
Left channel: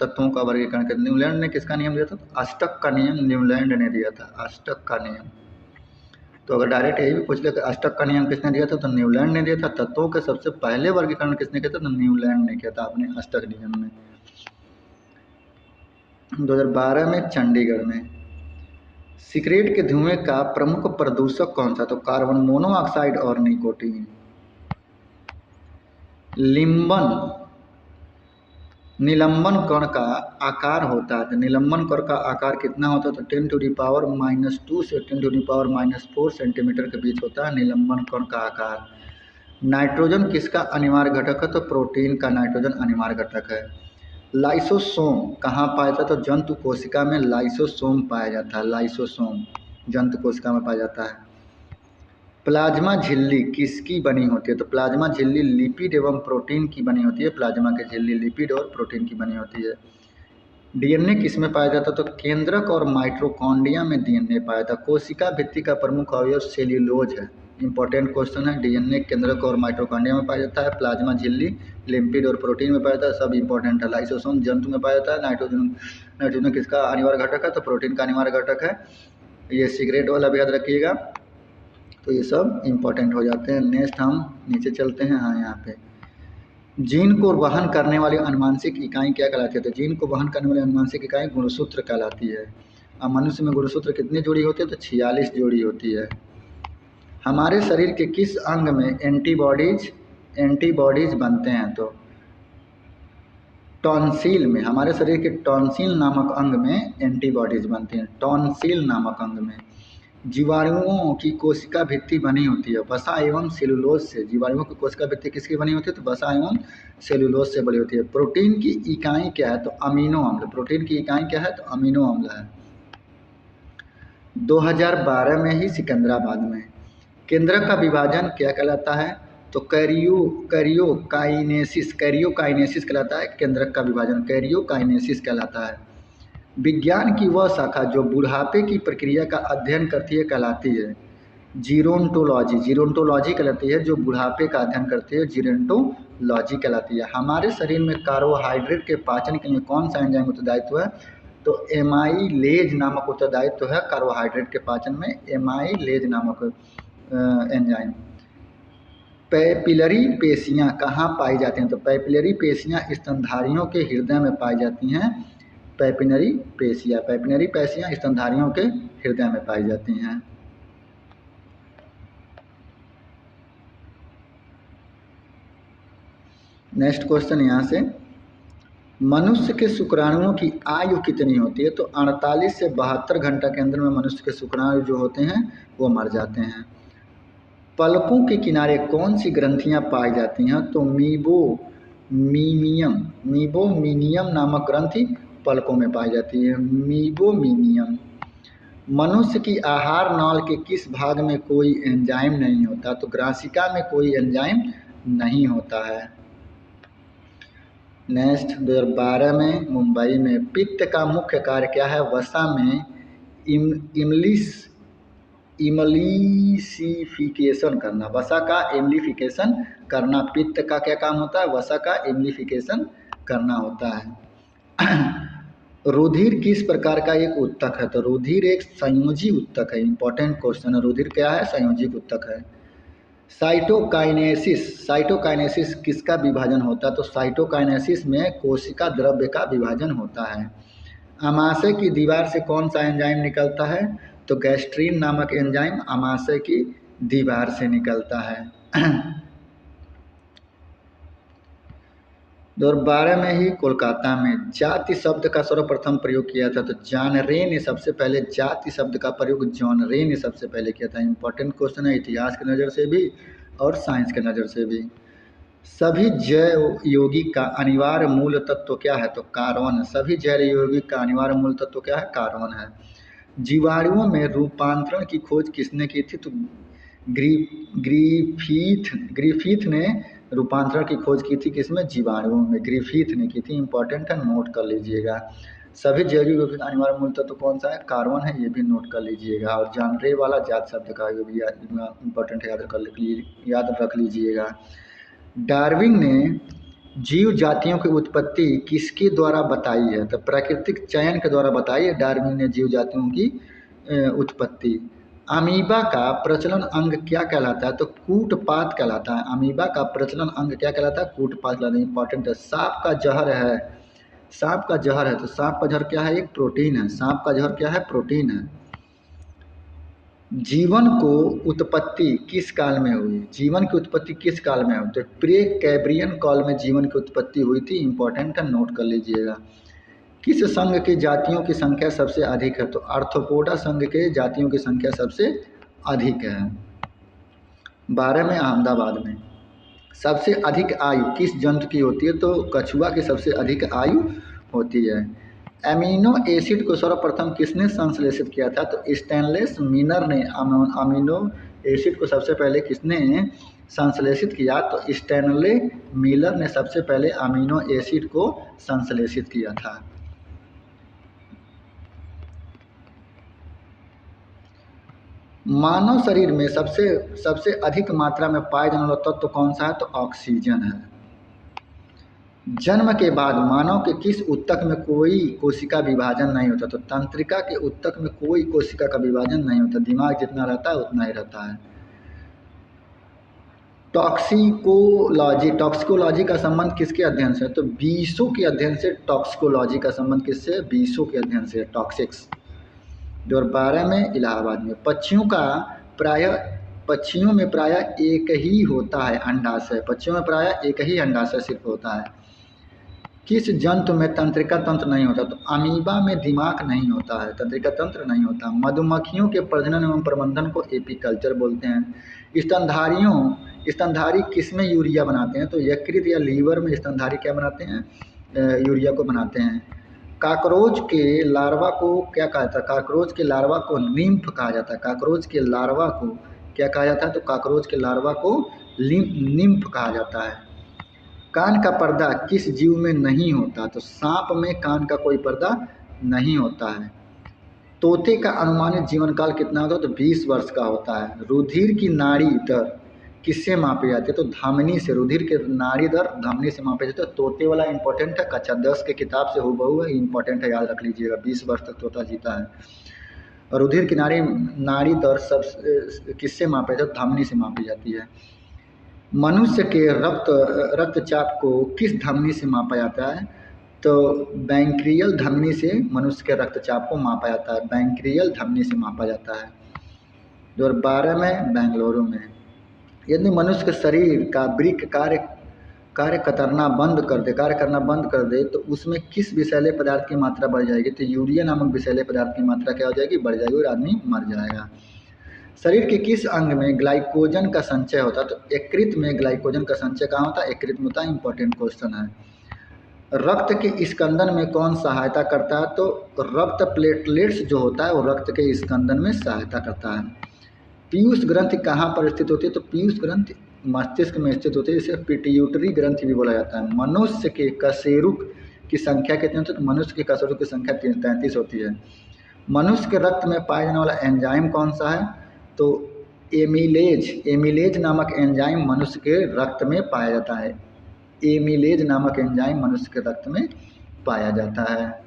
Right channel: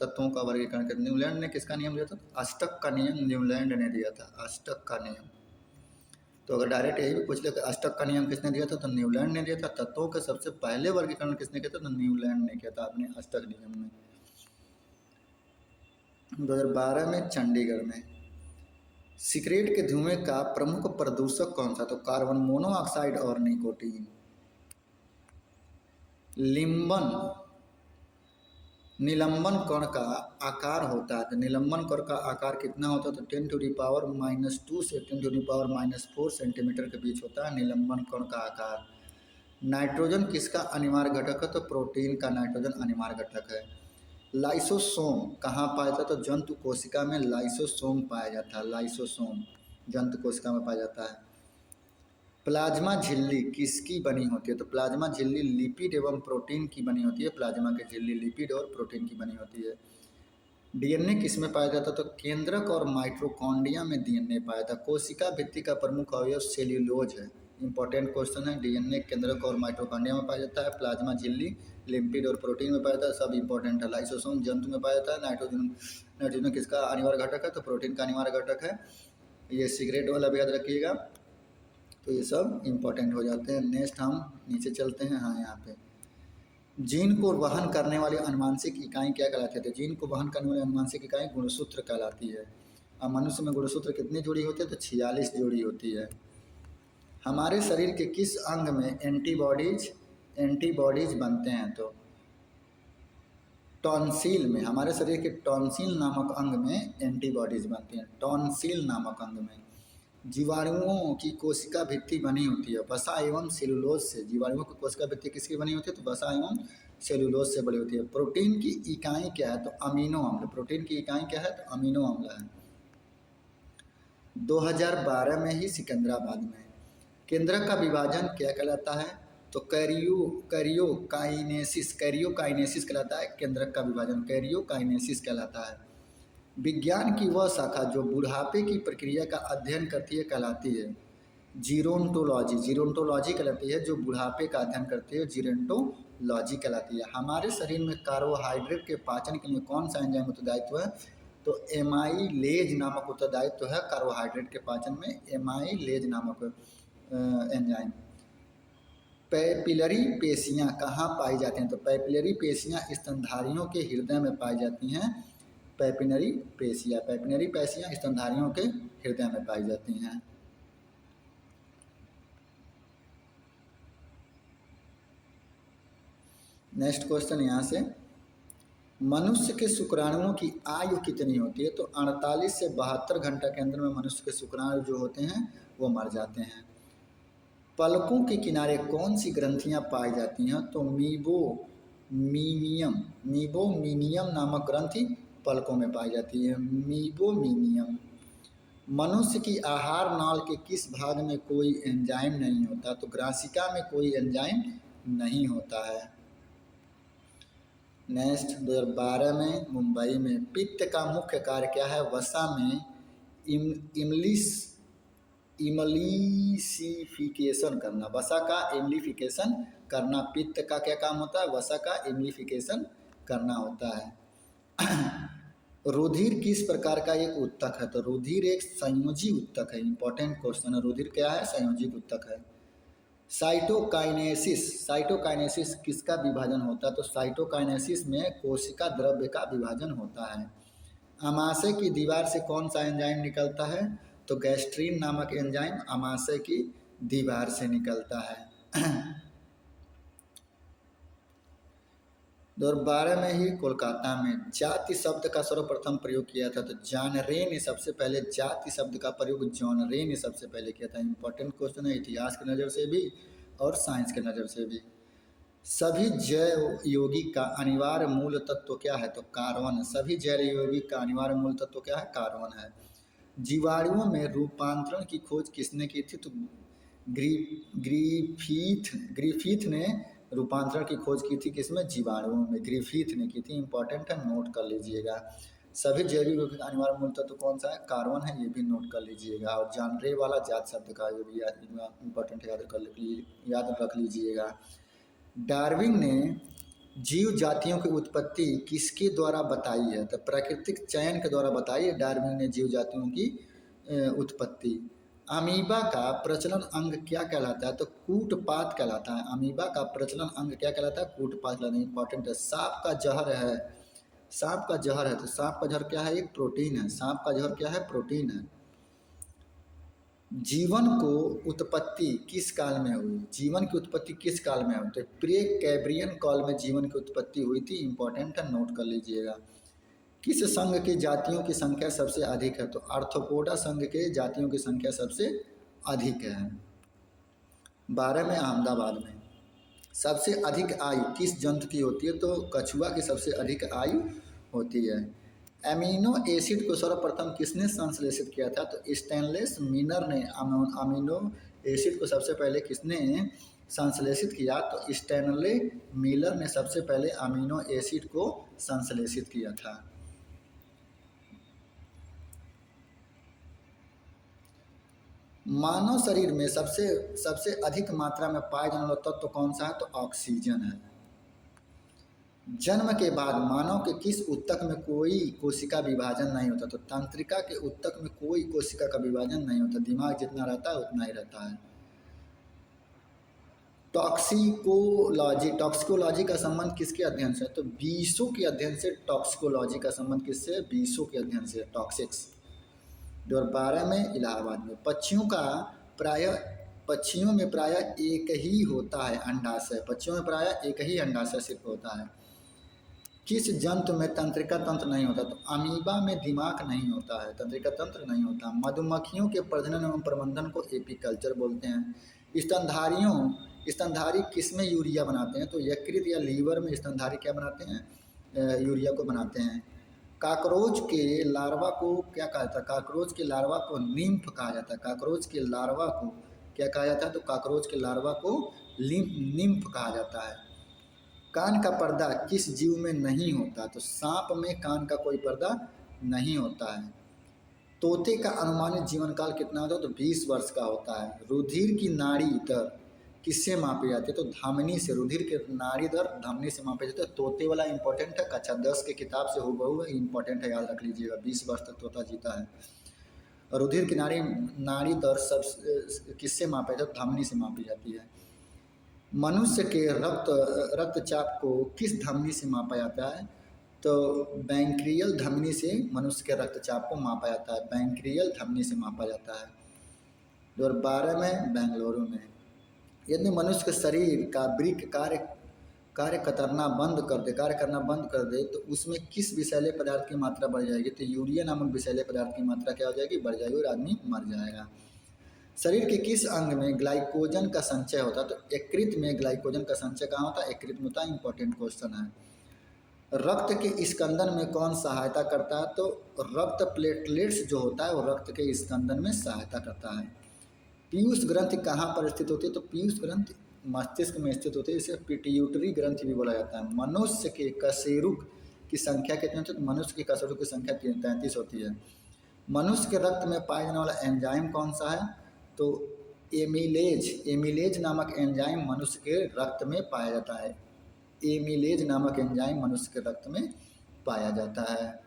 तत्वों का वर्गीकरण किया। न्यूलैंड ने किसका नियम दिया था? तो अष्टक का नियम न्यूलैंड ने दिया था। अष्टक का नियम। तो अगर डायरेक्ट यही भी पूछ ले कि अष्टक का नियम किसने दिया था? तो न्यूलैंड ने दिया था। तत्वों के सबसे पहले वर्गीकरण किसने किया था? तो न्यूलैंड ने किया था अपने अष्टक नियम में। 2012 में चंडीगढ़ में। सिगरेट के धुएं का प्रमुख प्रदूषक कौन सा? तो कार्बन मोनोऑक्साइड और निकोटीन। निलंबन कण का आकार होता है, तो निलंबन कण का आकार कितना होता है? तो 10⁻² से 10⁻⁴ सेंटीमीटर के बीच होता है निलंबन कण का आकार। नाइट्रोजन किसका अनिवार्य घटक है? तो प्रोटीन का नाइट्रोजन अनिवार्य घटक है। लाइसोसोम कहाँ पाया जाता है? तो जंतु कोशिका में लाइसोसोम पाया जाता है। लाइसोसोम जंतु कोशिका में पाया जाता है। प्लाज्मा झिल्ली किसकी बनी होती है? तो प्लाज्मा झिल्ली लिपिड एवं प्रोटीन की बनी होती है। प्लाज्मा की झिल्ली लिपिड और प्रोटीन की बनी होती है। डीएनए किस में पाया जाता है? तो केंद्रक और माइटोकॉन्ड्रिया में डीएनए पाया जाता है। कोशिका भित्ति का प्रमुख अवयव सेल्यूलोज है। इंपॉर्टेंट क्वेश्चन है। डीएनए केंद्रक और माइटोकॉन्ड्रिया में पाया जाता है। प्लाज्मा झिल्ली लिपिड और प्रोटीन में पाया जाता है। सब इंपॉर्टेंट है। लाइसोसोम जंतु में पाया जाता है। नाइट्रोजन किसका अनिवार्य घटक है? तो प्रोटीन का अनिवार्य घटक है। ये सिगरेट वाला भी याद रखिएगा। तो ये सब इंपॉर्टेंट हो जाते हैं। नेक्स्ट हम नीचे चलते हैं। हाँ, यहाँ पे जीन को वहन करने वाली अनुवांशिक इकाई क्या कहलाती है? तो जीन को वहन करने वाली अनुवांशिक इकाई गुणसूत्र कहलाती है। अब मनुष्य में गुणसूत्र कितनी जोड़ी होती है? तो 46 जोड़ी होती है। हमारे शरीर के किस अंग में एंटीबॉडीज बनते हैं? तो टॉन्सिल में। हमारे शरीर के टॉन्सिल नामक अंग में एंटीबॉडीज बनती हैं। टॉन्सिल नामक अंग में। जीवाणुओं की कोशिका भित्ति बनी होती है वसा एवं सेलुलोज से। जीवाणुओं की कोशिका भित्ति किसकी बनी होती है? तो वसा एवं सेलुलोज से बनी होती है। प्रोटीन की इकाई क्या है? तो अमीनो अम्ल। प्रोटीन की इकाई क्या है? तो अमीनो अम्ल है। 2012 में ही सिकंदराबाद में। केंद्रक का विभाजन क्या कहलाता है? तो कैरियोकाइनेसिस कहलाता है। केंद्रक का विभाजन कैरियोकाइनेसिस कहलाता है। विज्ञान की वह शाखा जो बुढ़ापे की प्रक्रिया का अध्ययन करती है कहलाती है जीरोंटोलॉजी कहलाती है। जो बुढ़ापे का अध्ययन करती है जीरोंटोलॉजी कहलाती है। हमारे शरीर में कार्बोहाइड्रेट के पाचन के लिए कौन सा एंजाइम उत्तरदायित्व है? तो एमाइलेज नामक उत्तरदायित्व है कार्बोहाइड्रेट के पाचन में। एमाइलेज नामक एंजाइम। पैपिलरी पेशियाँ कहाँ पाई जाती हैं? तो पैपिलरी पेशियाँ स्तनधारियों के हृदय में पाई जाती हैं। पैपिलरी पेशियाँ स्तनधारियों के हृदय में पाई जाती हैं। नेक्स्ट क्वेश्चन यहाँ से, मनुष्य के शुक्राणुओं की आयु कितनी होती है? तो 48 से 72 घंटा के अंदर में मनुष्य के शुक्राणु जो होते हैं वो मर जाते हैं। पलकों के किनारे कौन सी ग्रंथियां पाई जाती हैं? तो मीबोमीनियम नामक ग्रंथि पलकों में पाई जाती है। मीबोमीनियम। मनुष्य की आहार नाल के किस भाग में कोई एंजाइम नहीं होता? तो ग्रासिका में कोई एंजाइम नहीं होता है। नेक्स्ट 2012 में मुंबई में। पित्त का मुख्य कार्य क्या है? वसा में इमलिसिफिकेशन करना। वसा का एम्लिफिकेशन करना। पित्त का क्या काम होता है? वसा का एम्लिफिकेशन करना होता है। रुधिर किस प्रकार का एक उत्तक है? तो रुधिर एक संयोजी उत्तक है। इंपॉर्टेंट क्वेश्चन है। रुधिर क्या है? संयोजी उत्तक है। साइटोकाइनेसिस किसका विभाजन होता है? तो साइटोकाइनेसिस में कोशिका द्रव्य का विभाजन होता है। आमाशय की दीवार से कौन सा एंजाइम निकलता है? तो गैस्ट्रीन नामक एंजाइम आमाशय की दीवार से निकलता है। 2012 में ही कोलकाता में जाति शब्द का सर्वप्रथम प्रयोग किया था। तो जॉन रे ने सबसे पहले जाति शब्द का प्रयोग सबसे पहले किया था। इंपॉर्टेंट क्वेश्चन है इतिहास की नज़र से भी और साइंस के नज़र से भी। सभी जैव यौगिक का अनिवार्य मूल तत्व क्या है? तो कार्बन। सभी जैव यौगिक का अनिवार्य मूल तत्व क्या है? कार्बन है। जीवाणुओं में रूपांतरण की खोज किसने की थी? तो ग्रिफिथ ने रूपांतरण की खोज की थी। किसमें? जीवाणुओं में ग्रिफिथ ने की थी। इंपॉर्टेंट है, नोट कर लीजिएगा। सभी जैविक यौगिक का अनिवार्य मूल तत्व कौन सा है? कार्बन है। ये भी नोट कर लीजिएगा। और जॉन रे वाला जात शब्द का ये भी इंपॉर्टेंट है, याद रख लीजिएगा। डार्विन ने जीव जातियों की उत्पत्ति किसके द्वारा बताई है? तो प्राकृतिक चयन के द्वारा बताई है डार्विन ने जीव जातियों की उत्पत्ति। अमीबा का प्रचलन अंग क्या कहलाता है? तो कूटपात कहलाता है। अमीबा का प्रचलन अंग क्या कहलाता है? कूटपात कहलाता है। इंपॉर्टेंट है। सांप का जहर है सांप का जहर है, तो सांप का जहर क्या है? एक प्रोटीन है। सांप का जहर क्या है? प्रोटीन है। जीवन को उत्पत्ति किस काल में हुई? जीवन की उत्पत्ति किस काल में हुई? तो प्रे कैब्रियन काल में जीवन की उत्पत्ति हुई थी। इंपॉर्टेंट है, नोट कर लीजिएगा। किस संघ की जातियों की संख्या सबसे अधिक है? तो आर्थ्रोपोडा संघ के जातियों की संख्या सबसे अधिक है। 12 में अहमदाबाद में। सबसे अधिक आयु किस जंतु की होती है? तो कछुआ की सबसे अधिक आयु होती है। एमिनो एसिड को सर्वप्रथम किसने संश्लेषित किया था? तो स्टैनलेस मिनर ने अमीनो एसिड को सबसे पहले किसने संश्लेषित किया? तो स्टैनले मिलर ने सबसे पहले अमीनो एसिड को संश्लेषित किया था। मानव शरीर में सबसे अधिक मात्रा में पाया जाने वाला तत्व कौन सा है? तो ऑक्सीजन है। जन्म के बाद मानव के किस ऊतक में कोई कोशिका विभाजन नहीं होता? तो तंत्रिका के ऊतक में कोई कोशिका का विभाजन नहीं होता। दिमाग जितना रहता है उतना ही रहता है। टॉक्सिकोलॉजी का संबंध किसके अध्ययन से? तो बीसों के अध्ययन से टॉक्सिकोलॉजी का संबंध किससे? बीसों के अध्ययन से, टॉक्सिक्स। 2012 में इलाहाबाद में। पक्षियों में प्रायः एक ही होता है अंडाशय। पक्षियों में प्रायः एक ही अंडाशय सिर्फ होता है। किस जंतु में तंत्रिका तंत्र नहीं होता? तो अमीबा में दिमाग नहीं होता है, तंत्रिका तंत्र नहीं होता। मधुमक्खियों के प्रजनन एवं प्रबंधन को एपीकल्चर बोलते हैं। स्तनधारी किसमें यूरिया बनाते हैं? तो यकृत या लीवर में स्तनधारी क्या बनाते हैं? यूरिया को बनाते हैं। काकरोच के लार्वा को क्या कहा जाता है? काकरोच के लार्वा को निम्फ कहा जाता है। काकरोच के लार्वा को क्या कहा जाता है? तो काकरोच के लार्वा को निम्फ कहा जाता है। कान का पर्दा किस जीव में नहीं होता? तो सांप में कान का कोई पर्दा नहीं होता है। तोते का अनुमानित जीवन काल कितना होता है? तो 20 वर्ष का होता है। रुधिर की नाड़ी दर किससे मापी जाती है? तो धमनी से। रुधिर के नाड़ी दर धमनी से मापी जाती है। तोते वाला इंपॉर्टेंट है, कक्षा 10 के किताब से हूबहू है, इंपॉर्टेंट है, याद रख लीजिएगा। 20 वर्ष तक तोता जीता है। रुधिर की नाड़ी दर सब किससे मापी जाती है? धमनी से मापी जाती है। मनुष्य के रक्तचाप को किस धमनी से मापा जाता है? तो बैंक्रियल धमनी से मनुष्य के रक्तचाप को मापा जाता है। बैंक्रियल धमनी से मापा जाता है। 2012 में बेंगलुरु में। यदि मनुष्य के शरीर का वृक्क कार्य करना बंद कर दे तो उसमें किस विषैले पदार्थ की मात्रा बढ़ जाएगी? तो यूरिया नामक विषैले पदार्थ की मात्रा क्या हो जाएगी? बढ़ जाएगी और आदमी मर जाएगा। शरीर के किस अंग में ग्लाइकोजन का संचय होता है? तो यकृत में ग्लाइकोजन का संचय कहाँ होता है? यकृत में होता है। इंपॉर्टेंट क्वेश्चन है। रक्त के स्कंदन में कौन सहायता करता है? तो रक्त प्लेटलेट्स जो होता है वो रक्त के स्कंदन में सहायता करता है। पीयूष ग्रंथि कहाँ पर स्थित होती है? तो पीयूष ग्रंथि मस्तिष्क में स्थित होती है। इसे पिट्यूटरी ग्रंथि भी बोला जाता है। मनुष्य के कशेरुक की संख्या कितनी होती है? तो मनुष्य के कशेरुक की संख्या 33 होती है। मनुष्य के रक्त में पाया जाने वाला एंजाइम कौन सा है? तो एमिलेज नामक एंजाइम मनुष्य के रक्त में पाया जाता है। एमिलेज नामक एंजाइम मनुष्य के रक्त में पाया जाता है।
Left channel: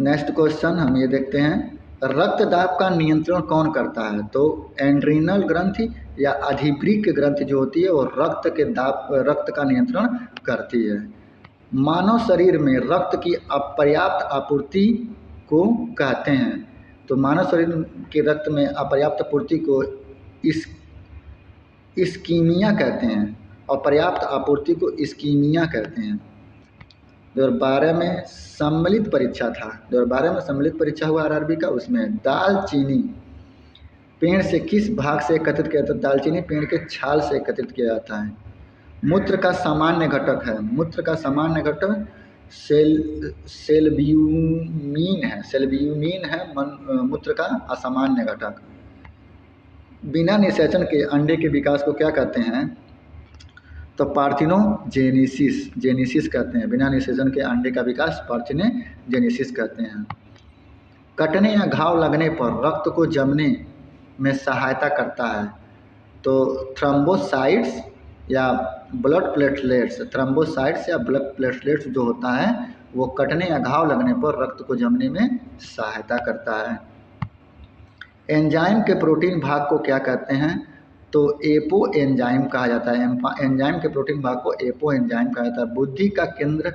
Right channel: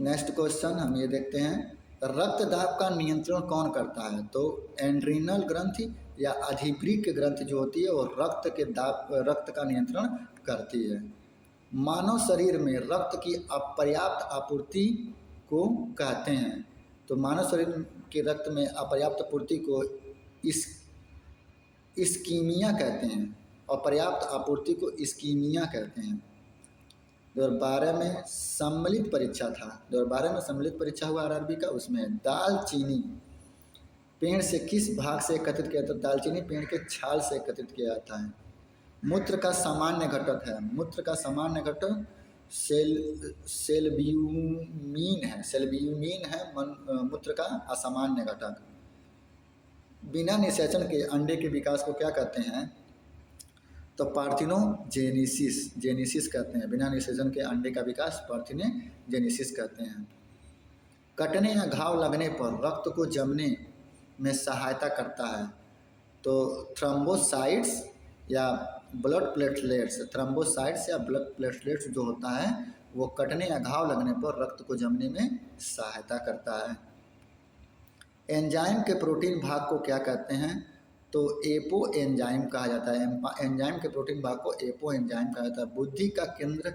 नेक्स्ट क्वेश्चन हम ये देखते हैं, रक्त दाब का नियंत्रण कौन करता है? तो एड्रीनल ग्रंथि या अधिवृक्क ग्रंथि जो होती है वो रक्त का नियंत्रण करती है। मानव शरीर में रक्त की अपर्याप्त आपूर्ति को कहते हैं। तो मानव शरीर के रक्त में अपर्याप्त आपूर्ति को इस्कीमिया कहते हैं। अपर्याप्त आपूर्ति को इस्कीमिया कहते हैं। 2012 में सम्मिलित परीक्षा था। 2012 में सम्मिलित परीक्षा हुआ आरआरबी का। उसमें दालचीनी पेड़ से किस भाग से एकत्रित किया जाता है? दालचीनी पेड़ के छाल से एकत्रित किया जाता है। मूत्र का सामान्य घटक है। मूत्र का सामान्य घटक सेल्ब्यूमिन है मूत्र का असामान्य घटक। बिना निषेचन के अंडे के विकास को क्या कहते हैं? तो पार्थिनोजेनेसिस कहते हैं। बिना निषेचन के अंडे का विकास पार्थिनोजेनेसिस कहते हैं। कटने या घाव लगने पर रक्त को जमने में सहायता करता है। तो थ्रोम्बोसाइट्स या ब्लड प्लेटलेट्स जो होता है वो कटने या घाव लगने पर रक्त को जमने में सहायता करता है। एंजाइम के प्रोटीन भाग को क्या कहते हैं? तो एपो एंजाइम कहा जाता है। एंजाइम के प्रोटीन भाग को एपो एंजाइम कहा जाता है। बुद्धि का केंद्र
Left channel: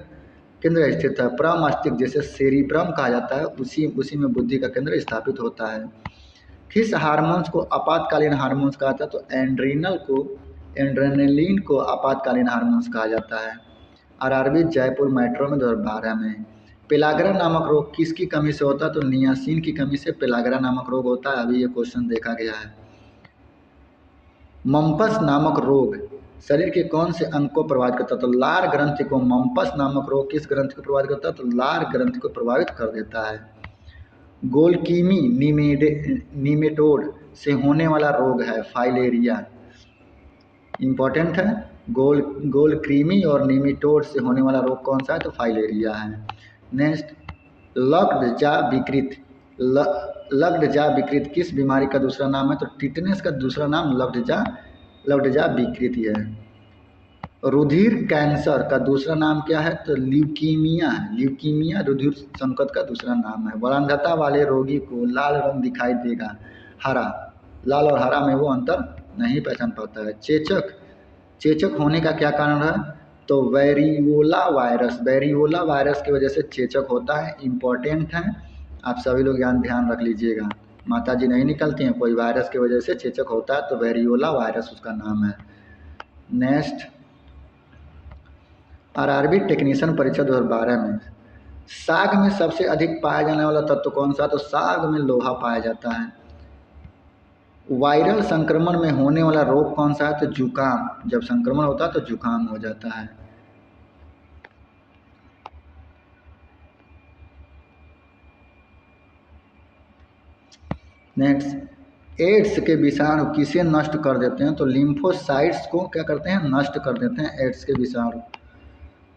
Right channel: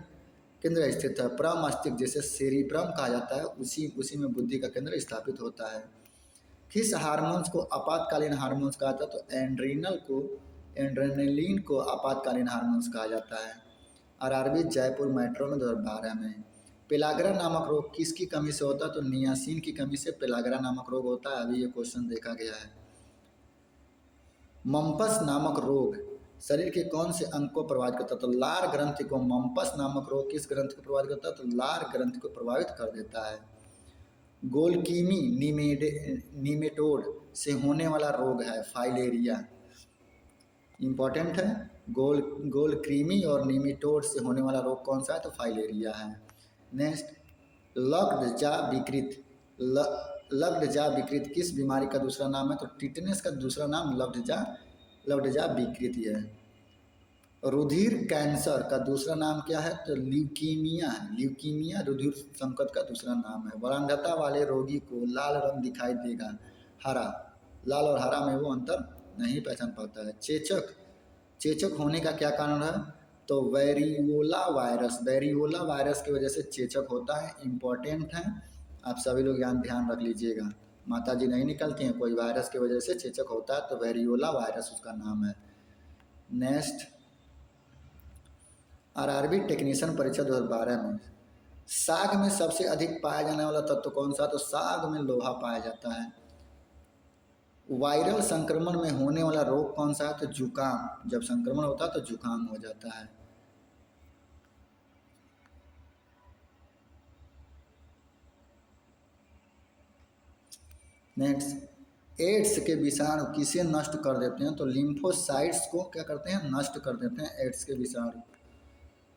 केंद्र स्थित है। प्रमस्तिष्क जिसे सेरिब्रम कहा जाता है, उसी उसी में बुद्धि का केंद्र स्थापित होता है। किस हार्मोन्स को आपातकालीन हार्मोन्स कहा जाता है? तो एंड्रेनलिन को आपातकालीन हार्मोन्स कहा जाता है। आरआरबी जयपुर मेट्रो में 2012 में। पेलाग्रा नामक रोग किसकी कमी से होता है? तो नियासिन की कमी से पेलाग्रा नामक रोग होता है। अभी ये क्वेश्चन देखा गया है। मम्पस नामक रोग शरीर के कौन से अंग को प्रभावित करता है? तो लार ग्रंथि को। मम्पस नामक रोग किस ग्रंथि को प्रभावित करता है? तो लार ग्रंथि को प्रभावित कर देता है। गोलकीमी निमेटोड से होने वाला रोग है फाइलेरिया। इंपॉर्टेंट है। गोलक्रीमी और निमेटोड से होने वाला रोग कौन सा है? तो फाइलेरिया है। नेक्स्ट, लग्डजा विकृत किस बीमारी का दूसरा नाम है? तो टिटनेस का दूसरा नाम लग्डजा विकृति है। रुधिर कैंसर का दूसरा नाम क्या है? तो ल्यूकीमिया रुधिर संकट का दूसरा नाम है। वरांधता वाले रोगी को लाल रंग दिखाई देगा, हरा। लाल और हरा में वो अंतर नहीं पहचान पाता है। चेचक होने का क्या कारण है? तो वेरियोला वायरस की वजह से चेचक होता है। इम्पॉर्टेंट है, आप सभी लोग ध्यान रख लीजिएगा। माता जी नहीं निकलती हैं, कोई वायरस की वजह से चेचक होता है, तो वेरियोला वायरस उसका नाम है। नेक्स्ट, आरआरबी टेक्नीशियन परीक्षा 2012 में। साग में सबसे अधिक पाया जाने वाला तत्व कौन सा? तो साग में लोहा पाया जाता है। वायरल संक्रमण में होने वाला रोग कौन सा है? तो जुकाम। जब संक्रमण होता है तो जुकाम हो जाता है। नेक्स्ट, एड्स के विषाणु किसे नष्ट कर देते हैं? तो लिम्फोसाइट्स को क्या करते हैं? नष्ट कर देते हैं एड्स के विषाणु।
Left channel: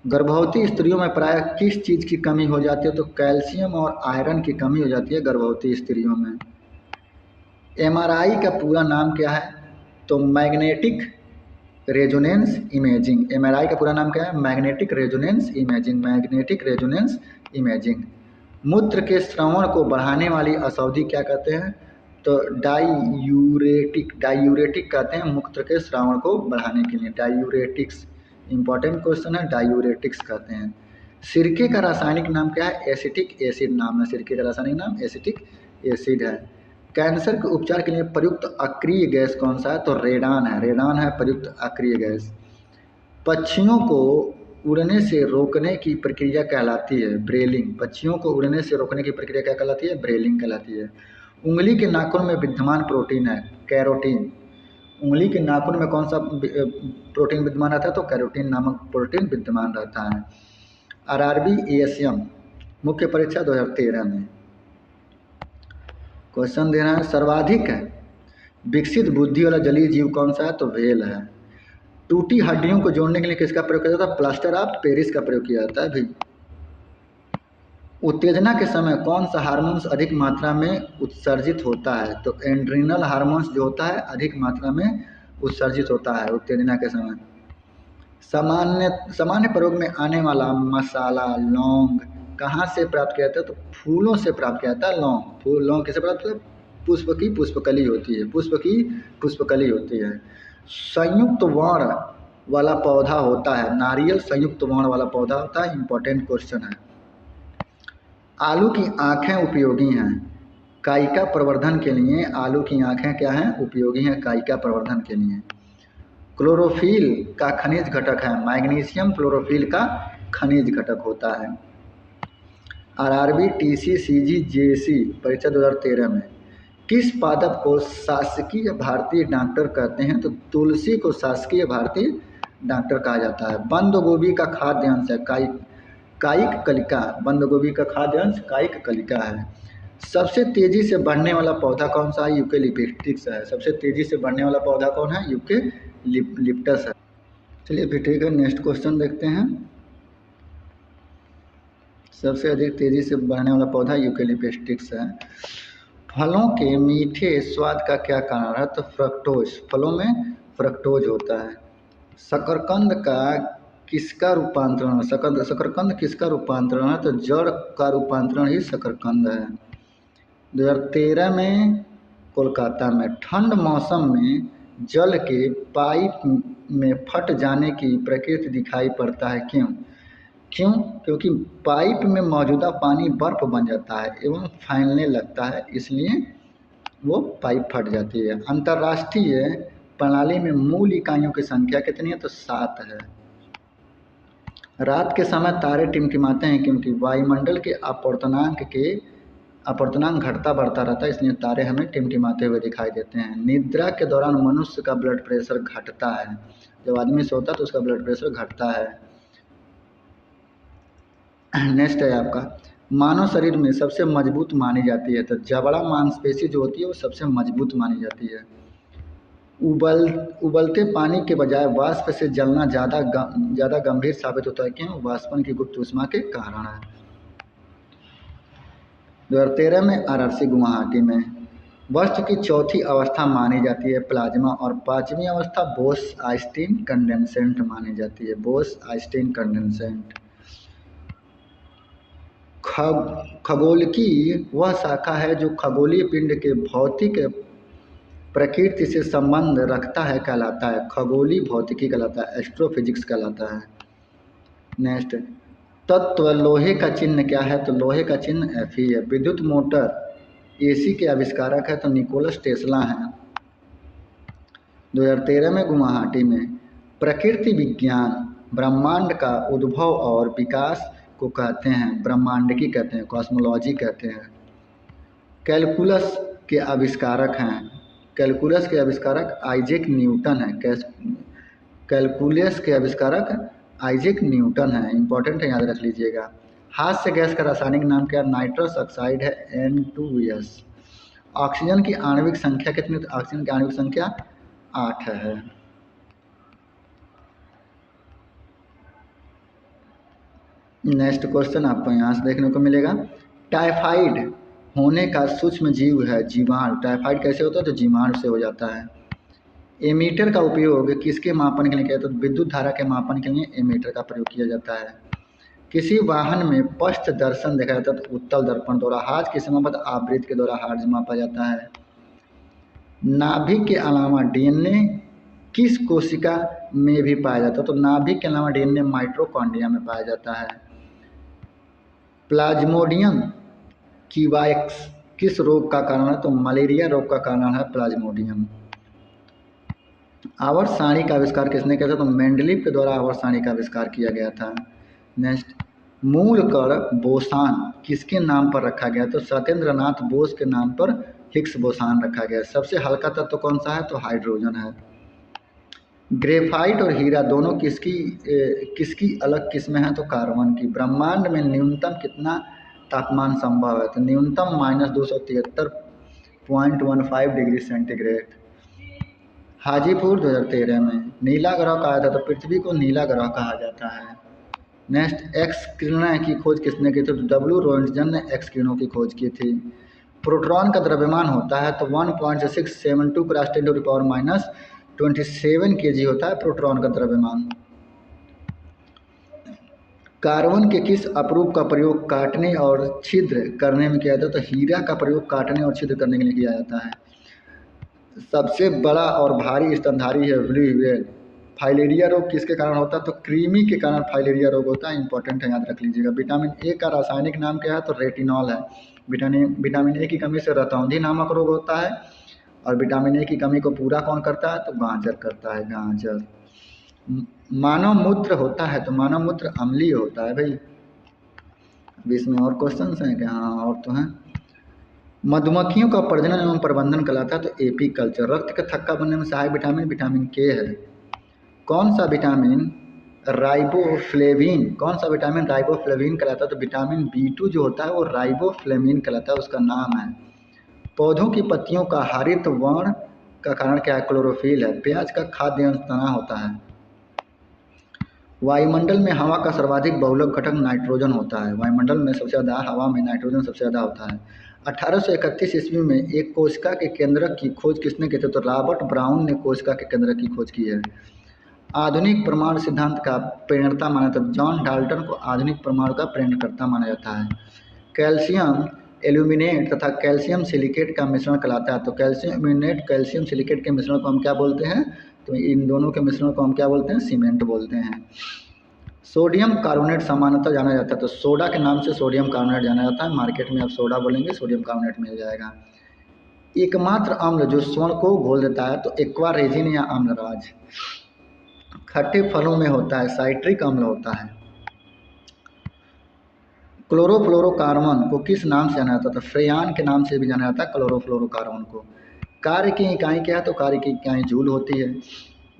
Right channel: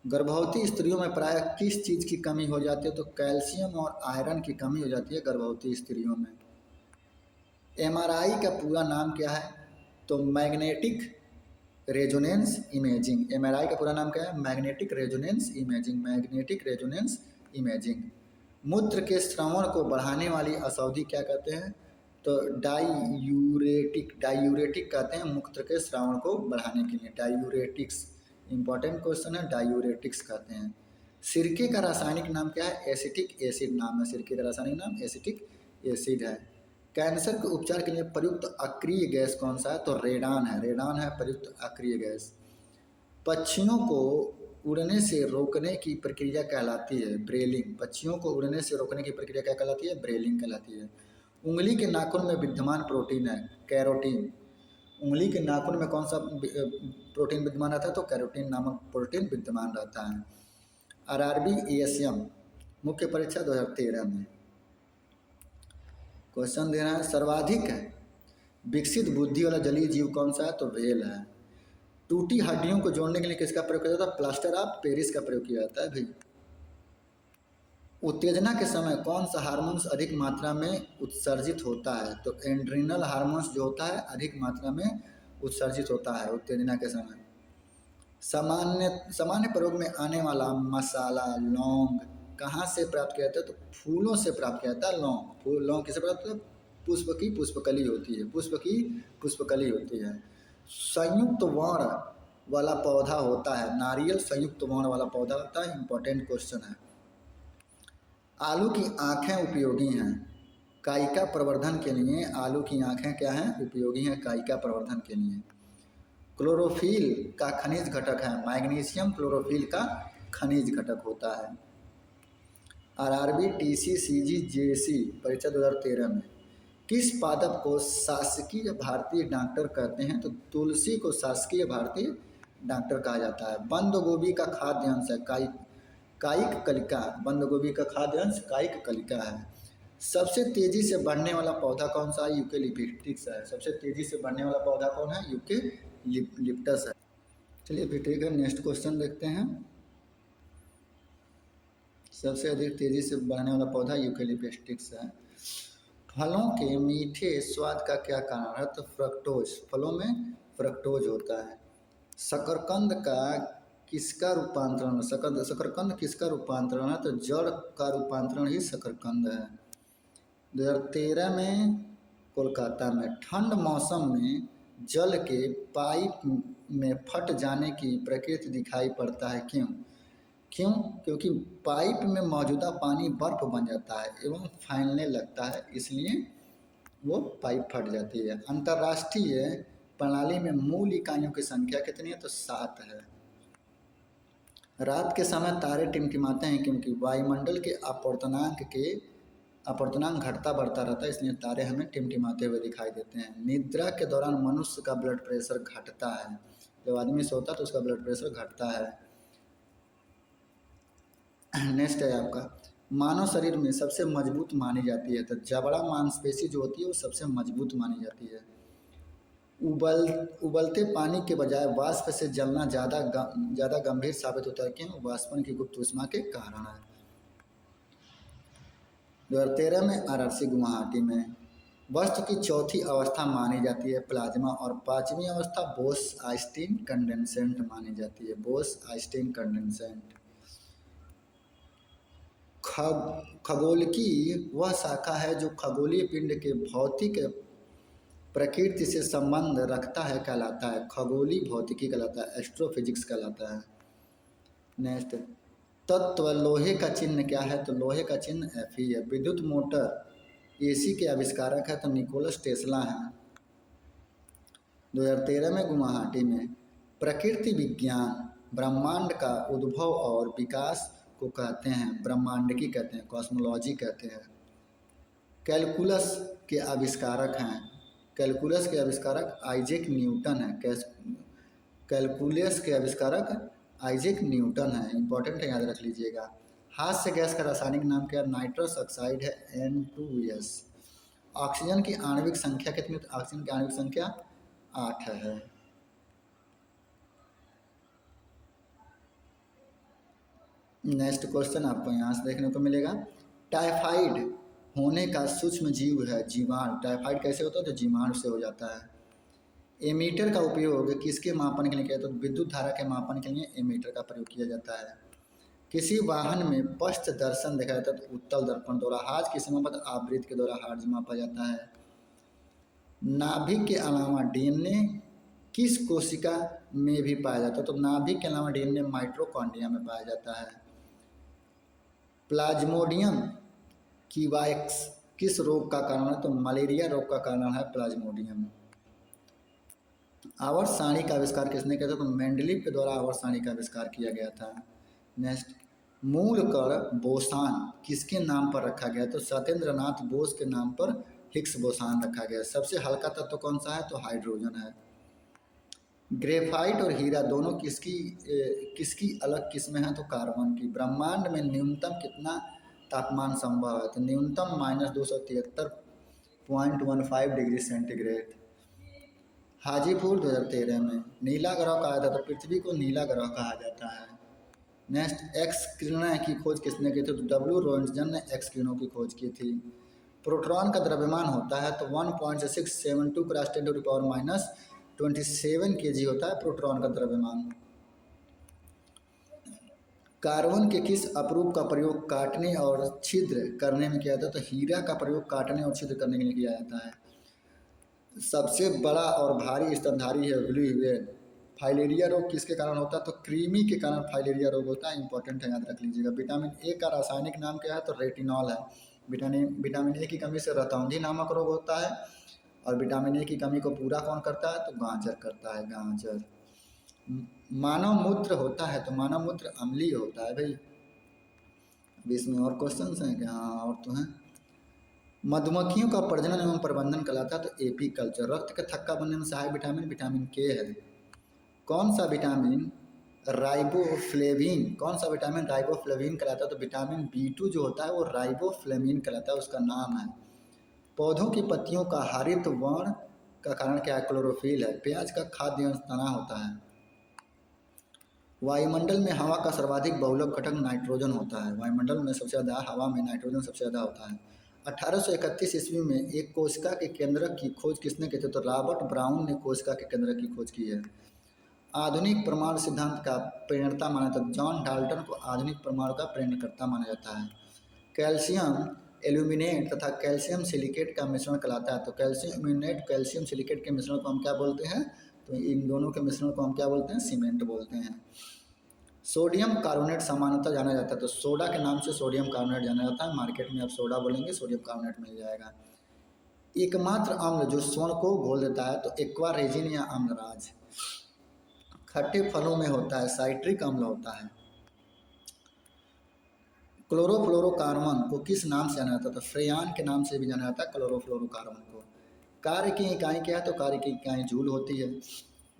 गर्भवती स्त्रियों में प्राय किस चीज़ की कमी हो जाती है? तो कैल्शियम और आयरन की कमी हो जाती है गर्भवती स्त्रियों में। एमआरआई का पूरा नाम क्या है? तो मैग्नेटिक रेजोनेंस इमेजिंग। एमआरआई का पूरा नाम क्या है? Magnetic resonance imaging. मूत्र के श्रवण को बढ़ाने वाली औषधि क्या कहते हैं? तो डायूरेटिक कहते हैं मूत्र के श्रवण को बढ़ाने के लिए। डायूरेटिक्स इंपॉर्टेंट क्वेश्चन है, डायूरेटिक्स कहते हैं। सिरके का रासायनिक नाम क्या है? एसिटिक एसिड नाम है सिरके का रासायनिक नाम, एसिटिक एसिड है। कैंसर के उपचार के लिए प्रयुक्त अक्रिय गैस कौन सा है? तो रेडान है प्रयुक्त अक्रिय गैस। पक्षियों को उड़ने से रोकने की प्रक्रिया कहलाती है ब्रेलिंग। पक्षियों को उड़ने से रोकने की प्रक्रिया क्या कहलाती है? ब्रेलिंग कहलाती है। उंगली के नाखून में विद्यमान प्रोटीन है कैरोटीन। उंगली के नाखून में कौन सा प्रोटीन विद्यमान रहता है? तो कैरोटीन नामक प्रोटीन विद्यमान रहता है। आरआरबी एएसएम मुख्य परीक्षा 2013 में क्वेश्चन दे रहा है। सर्वाधिक विकसित बुद्धि वाला जलीय जीव कौन सा है? तो व्हेल है। टूटी हड्डियों को जोड़ने के लिए किसका प्रयोग किया जाता है? प्लास्टर ऑफ पेरिस का प्रयोग किया जाता है भाई। उत्तेजना के समय कौन सा हार्मोन्स अधिक मात्रा में उत्सर्जित होता है? तो एंड्रिनल हार्मोन्स जो होता है अधिक मात्रा में उत्सर्जित होता है उत्तेजना के समय। सामान्य प्रयोग में आने वाला मसाला लौंग कहाँ से प्राप्त किया जाता है? तो फूलों से प्राप्त किया जाता है। लौंग किसे प्राप्त किया? पुष्प की पुष्पकली होती है। संयुक्त वर्ण वाला पौधा होता है नारियल। संयुक्त वर्ण वाला पौधा होता है। इंपॉर्टेंट क्वेश्चन है। आलू की आँखें उपयोगी हैं कायिका प्रवर्धन के लिए। आलू की आँखें क्या हैं? उपयोगी हैं कायिका प्रवर्धन के लिए। क्लोरोफिल का खनिज घटक है मैग्नीशियम। क्लोरोफिल का खनिज घटक होता है। आरआरबी टीसी सीजी जेसी परीक्षा 2013 में किस पादप को शासकीय भारतीय डॉक्टर कहते हैं? तो तुलसी को शासकीय भारतीय डॉक्टर कहा जाता है। बंद गोभी का खाद्य अंश है कायिक कलिका। बंद गोभी का खाद्य अंश कायिक कलिका है। सबसे तेजी से बढ़ने वाला पौधा कौन सा है? यूकेलिप्टस है। सबसे तेजी से बढ़ने वाला पौधा कौन है? यूकेलिप्टस है। चलिए फिर ठीक है, नेक्स्ट क्वेश्चन देखते हैं। सबसे अधिक तेजी से बढ़ने वाला पौधा यूकेलिप्टस है। फलों के मीठे स्वाद का क्या कारण है? तो फ्रक्टोज। फलों में फ्रक्टोज होता है। शकरकंद का किसका रूपांतरण? शकरकंद किसका रूपांतरण है? तो जड़ का रूपांतरण ही शकरकंद है। 2013 में कोलकाता में ठंड मौसम में जल के पाइप में फट जाने की प्रकृति दिखाई पड़ता है, क्यों? क्यों? क्योंकि पाइप में मौजूदा पानी बर्फ बन जाता है एवं फैलने लगता है, इसलिए वो पाइप फट जाती है। अंतर्राष्ट्रीय प्रणाली में मूल इकाइयों की संख्या कितनी है? तो 7 है। रात के समय तारे टिमटिमाते हैं क्योंकि वायुमंडल के अपवर्तनांक घटता बढ़ता रहता है, इसलिए तारे हमें टिमटिमाते हुए दिखाई देते हैं। निद्रा के दौरान मनुष्य का ब्लड प्रेशर घटता है, जब आदमी सोता है तो उसका ब्लड प्रेशर घटता है। नेक्स्ट है आपका, मानव शरीर में सबसे मजबूत मानी जाती है, तो जबड़ा मांसपेशी जो होती है वो सबसे मजबूत मानी जाती है। उबलते पानी के बजाय वाष्प से जलना ज़्यादा गंभीर साबित होता है, क्यों? वाष्पन की गुप्त ऊष्मा के कारण है। 2013 में आरआरसी गुवाहाटी में वस्तु की चौथी अवस्था मानी जाती है प्लाज्मा, और पांचवी अवस्था बोस आइंस्टीन कंडेंसेंट मानी जाती है, बोस आइंस्टीन कंडेंसेंट। खगोलिकी वह शाखा है जो खगोलीय पिंड के भौतिक प्रकृति से संबंध रखता है, कहलाता है खगोलीय भौतिकी कहलाता है, एस्ट्रोफिजिक्स कहलाता है। नेक्स्ट, तत्व लोहे का चिन्ह क्या है? तो लोहे का चिन्ह Fe है। विद्युत मोटर एसी के आविष्कारक है तो निकोलस टेस्ला हैं। 2013 में गुवाहाटी में प्रकृति विज्ञान ब्रह्मांड का उद्भव और विकास को कहते हैं, ब्रह्मांडिकी कहते हैं, कॉस्मोलॉजी कहते हैं। कैलकुलस के आविष्कारक हैं, कैलकुलस के आविष्कारक आइजैक न्यूटन है। कैलकुलस के आविष्कारक आइजैक न्यूटन है, इंपॉर्टेंट है, याद रख लीजिएगा। हास्य गैस का रासायनिक नाम क्या? नाइट्रस ऑक्साइड है, N2S। ऑक्सीजन की आणविक संख्या कितनी? तो ऑक्सीजन की आणविक संख्या 8 है। नेक्स्ट क्वेश्चन आपको यहाँ से देखने को मिलेगा, टाइफाइड होने का सूक्ष्म जीव है जीवाणु। टाइफाइड कैसे होता है? तो जीवाणु से हो जाता है। एमीटर का उपयोग किसके मापन के लिए किया? तो विद्युत धारा के मापन के लिए एमीटर का प्रयोग किया जाता है। किसी वाहन में पश्च दर्शन देखा जाता है तो उत्तल दर्पण द्वारा। हाथ की समाप्त आवृत्ति के द्वारा हार्ज मापा जाता है। नाभिक के अलावा डीएनए किस कोशिका में भी पाया जाता है? तो नाभिक के अलावा डीएनए माइटोकॉन्ड्रिया में पाया जाता है। प्लाज्मोडियम कीवाइक्स किस रोग का कारण है? तो मलेरिया रोग का कारण है प्लाज्मोडियम। आवर्त सारणी का आविष्कार किसने किया था? तो मेंडलीव के द्वारा आवर्त सारणी का आविष्कार किया गया था। नेक्स्ट, मूल कण बोसान किसके नाम पर रखा गया? तो सत्येंद्र नाथ बोस के नाम पर हिग्स बोसान रखा गया। सबसे हल्का तत्व कौन सा है? तो हाइड्रोजन है। ग्रेफाइट और हीरा दोनों किसकी अलग किस्में हैं? तो कार्बन की। ब्रह्मांड में न्यूनतम कितना तापमान संभव है? तो न्यूनतम -273.15 डिग्री सेंटीग्रेड। हाजीपुर 2013 में नीला ग्रह कहा था, तो पृथ्वी को नीला ग्रह कहा जाता है। नेक्स्ट, एक्स किरणें की खोज किसने की थी? तो डब्ल्यू रोन्टजन ने एक्स किरणों की खोज की थी। प्रोटॉन का द्रव्यमान होता है तो 1.672 × 10⁻27 kg होता है प्रोटॉन का द्रव्यमान। कार्बन के किस अपरूप का प्रयोग काटने और छिद्र करने में किया जाता है? तो हीरा का प्रयोग काटने और छिद्र करने के लिए किया जाता है। सबसे बड़ा और भारी स्तनधारी है ब्लू व्हेल। फाइलेरिया रोग किसके कारण होता है? तो कृमि के कारण फाइलेरिया रोग होता है, इंपॉर्टेंट है, याद रख लीजिएगा। विटामिन ए का रासायनिक नाम क्या है? तो रेटिनॉल है। विटामिन ए की कमी से रतौंधी नामक रोग होता है, और विटामिन ए की कमी को पूरा कौन करता है? तो गाजर करता है, गाजर। मानव मूत्र होता है तो मानव मूत्र अम्लीय होता है भाई। अभी इसमें और क्वेश्चन हैं क्या? हाँ, और तो हैं। मधुमक्खियों का प्रजनन एवं प्रबंधन कहलाता है तो एपीकल्चर। रक्त का थक्का बनने में सहायक विटामिन विटामिन के है। कौन सा विटामिन राइबोफ्लेविन कहलाता है? तो विटामिन B2 जो होता है वो राइबोफ्लेविन कहलाता है, उसका नाम है। पौधों की पत्तियों का हरित वर्ण का कारण क्या है? क्लोरोफिल है। प्याज का खाद्य अंश तना होता है। वायुमंडल में हवा का सर्वाधिक बहुलक घटक नाइट्रोजन होता है। वायुमंडल में सबसे ज़्यादा हवा में नाइट्रोजन सबसे ज़्यादा होता है। 1831 ईस्वी में एक कोशिका के केंद्रक की खोज किसने की थी? तो रॉबर्ट ब्राउन ने कोशिका के केंद्रक की खोज की है। आधुनिक परमाणु सिद्धांत का प्रणेता माना जाता है। जॉन डाल्टन को आधुनिक परमाणु का प्रणेता माना जाता है। कैल्शियम एल्यूमिनेट तथा कैल्शियम सिलिकेट का मिश्रण कहलाता है। तो कैल्शियम एल्यूमिनेट कैल्शियम सिलिकेट के मिश्रण को हम क्या बोलते हैं? तो इन दोनों के मिश्रण को हम क्या बोलते हैं? सीमेंट बोलते हैं। सोडियम कार्बोनेट सामान्यतः जाना जाता है, तो सोडा के नाम से सोडियम कार्बोनेट जाना जाता है। मार्केट में आप सोडा बोलेंगे, सोडियम कार्बोनेट मिल जाएगा। एकमात्र अम्ल जो स्वर्ण को घोल देता है, तो एक्वा रेजिन या अम्लराज। खट्टे फलों में होता है, साइट्रिक अम्ल होता है। क्लोरोफ्लोरोकार्बन को किस नाम से जाना जाता है? तो फ्रेयान के नाम से भी जाना जाता है क्लोरोफ्लोरोकार्बन को। कार्य की इकाई क्या है? तो कार्य की इकाई जूल होती है।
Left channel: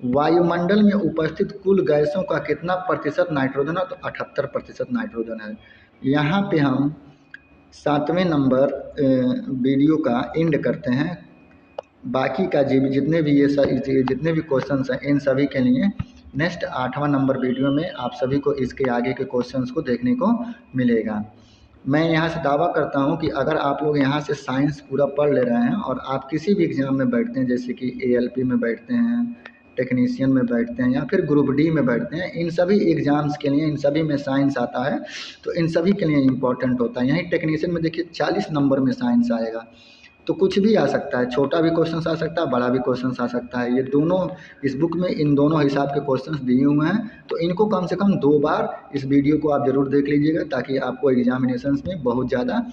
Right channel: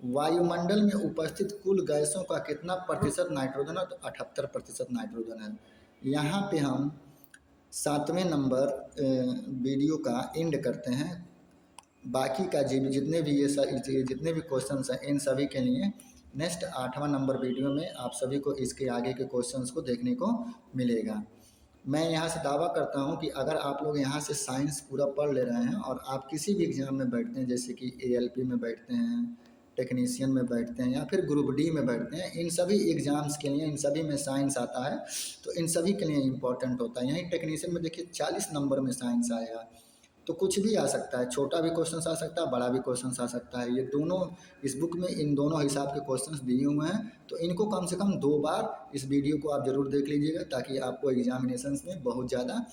वायुमंडल में उपस्थित कुल गैसों का कितना प्रतिशत नाइट्रोजन है? तो 78% नाइट्रोजन है। यहाँ पे हम 7वें नंबर वीडियो का एंड करते हैं। बाकी का जितने भी जितने भी क्वेश्चंस हैं, इन सभी के लिए नेक्स्ट 8वां नंबर वीडियो में आप सभी को इसके आगे के क्वेश्चंस को देखने को मिलेगा। मैं यहाँ से दावा करता हूँ कि अगर आप लोग यहाँ से साइंस पूरा पढ़ ले रहे हैं और आप किसी भी एग्ज़ाम में बैठते हैं, जैसे कि ALP में बैठते हैं, टेक्नीशियन में बैठते हैं, या फिर ग्रुप डी में बैठते हैं, इन सभी एग्ज़ाम्स के लिए इन सभी में साइंस आता है, तो इन सभी के लिए इम्पॉर्टेंट होता है। यहीं टेक्नीशियन में देखिए 40 नंबर में साइंस आएगा, तो कुछ भी आ सकता है, छोटा भी क्वेश्चन आ सकता है, बड़ा भी क्वेश्चन आ सकता है। ये दोनों इस बुक में इन दोनों हिसाब के क्वेश्चंस दिए हुए हैं, तो इनको कम से कम 2 बार इस वीडियो को आप ज़रूर देख लीजिएगा, ताकि आपको एग्जामिनेशंस में बहुत ज़्यादा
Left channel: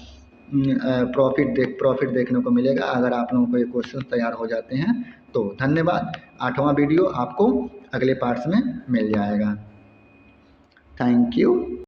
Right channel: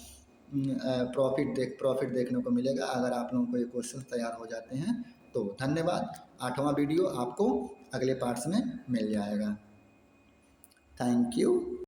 प्रॉफिट देखने को मिलेगा अगर आप लोगों को ये क्वेश्चन तैयार हो जाते हैं तो। धन्यवाद। 8वां वीडियो आपको अगले पार्ट्स में मिल जाएगा। Thank you.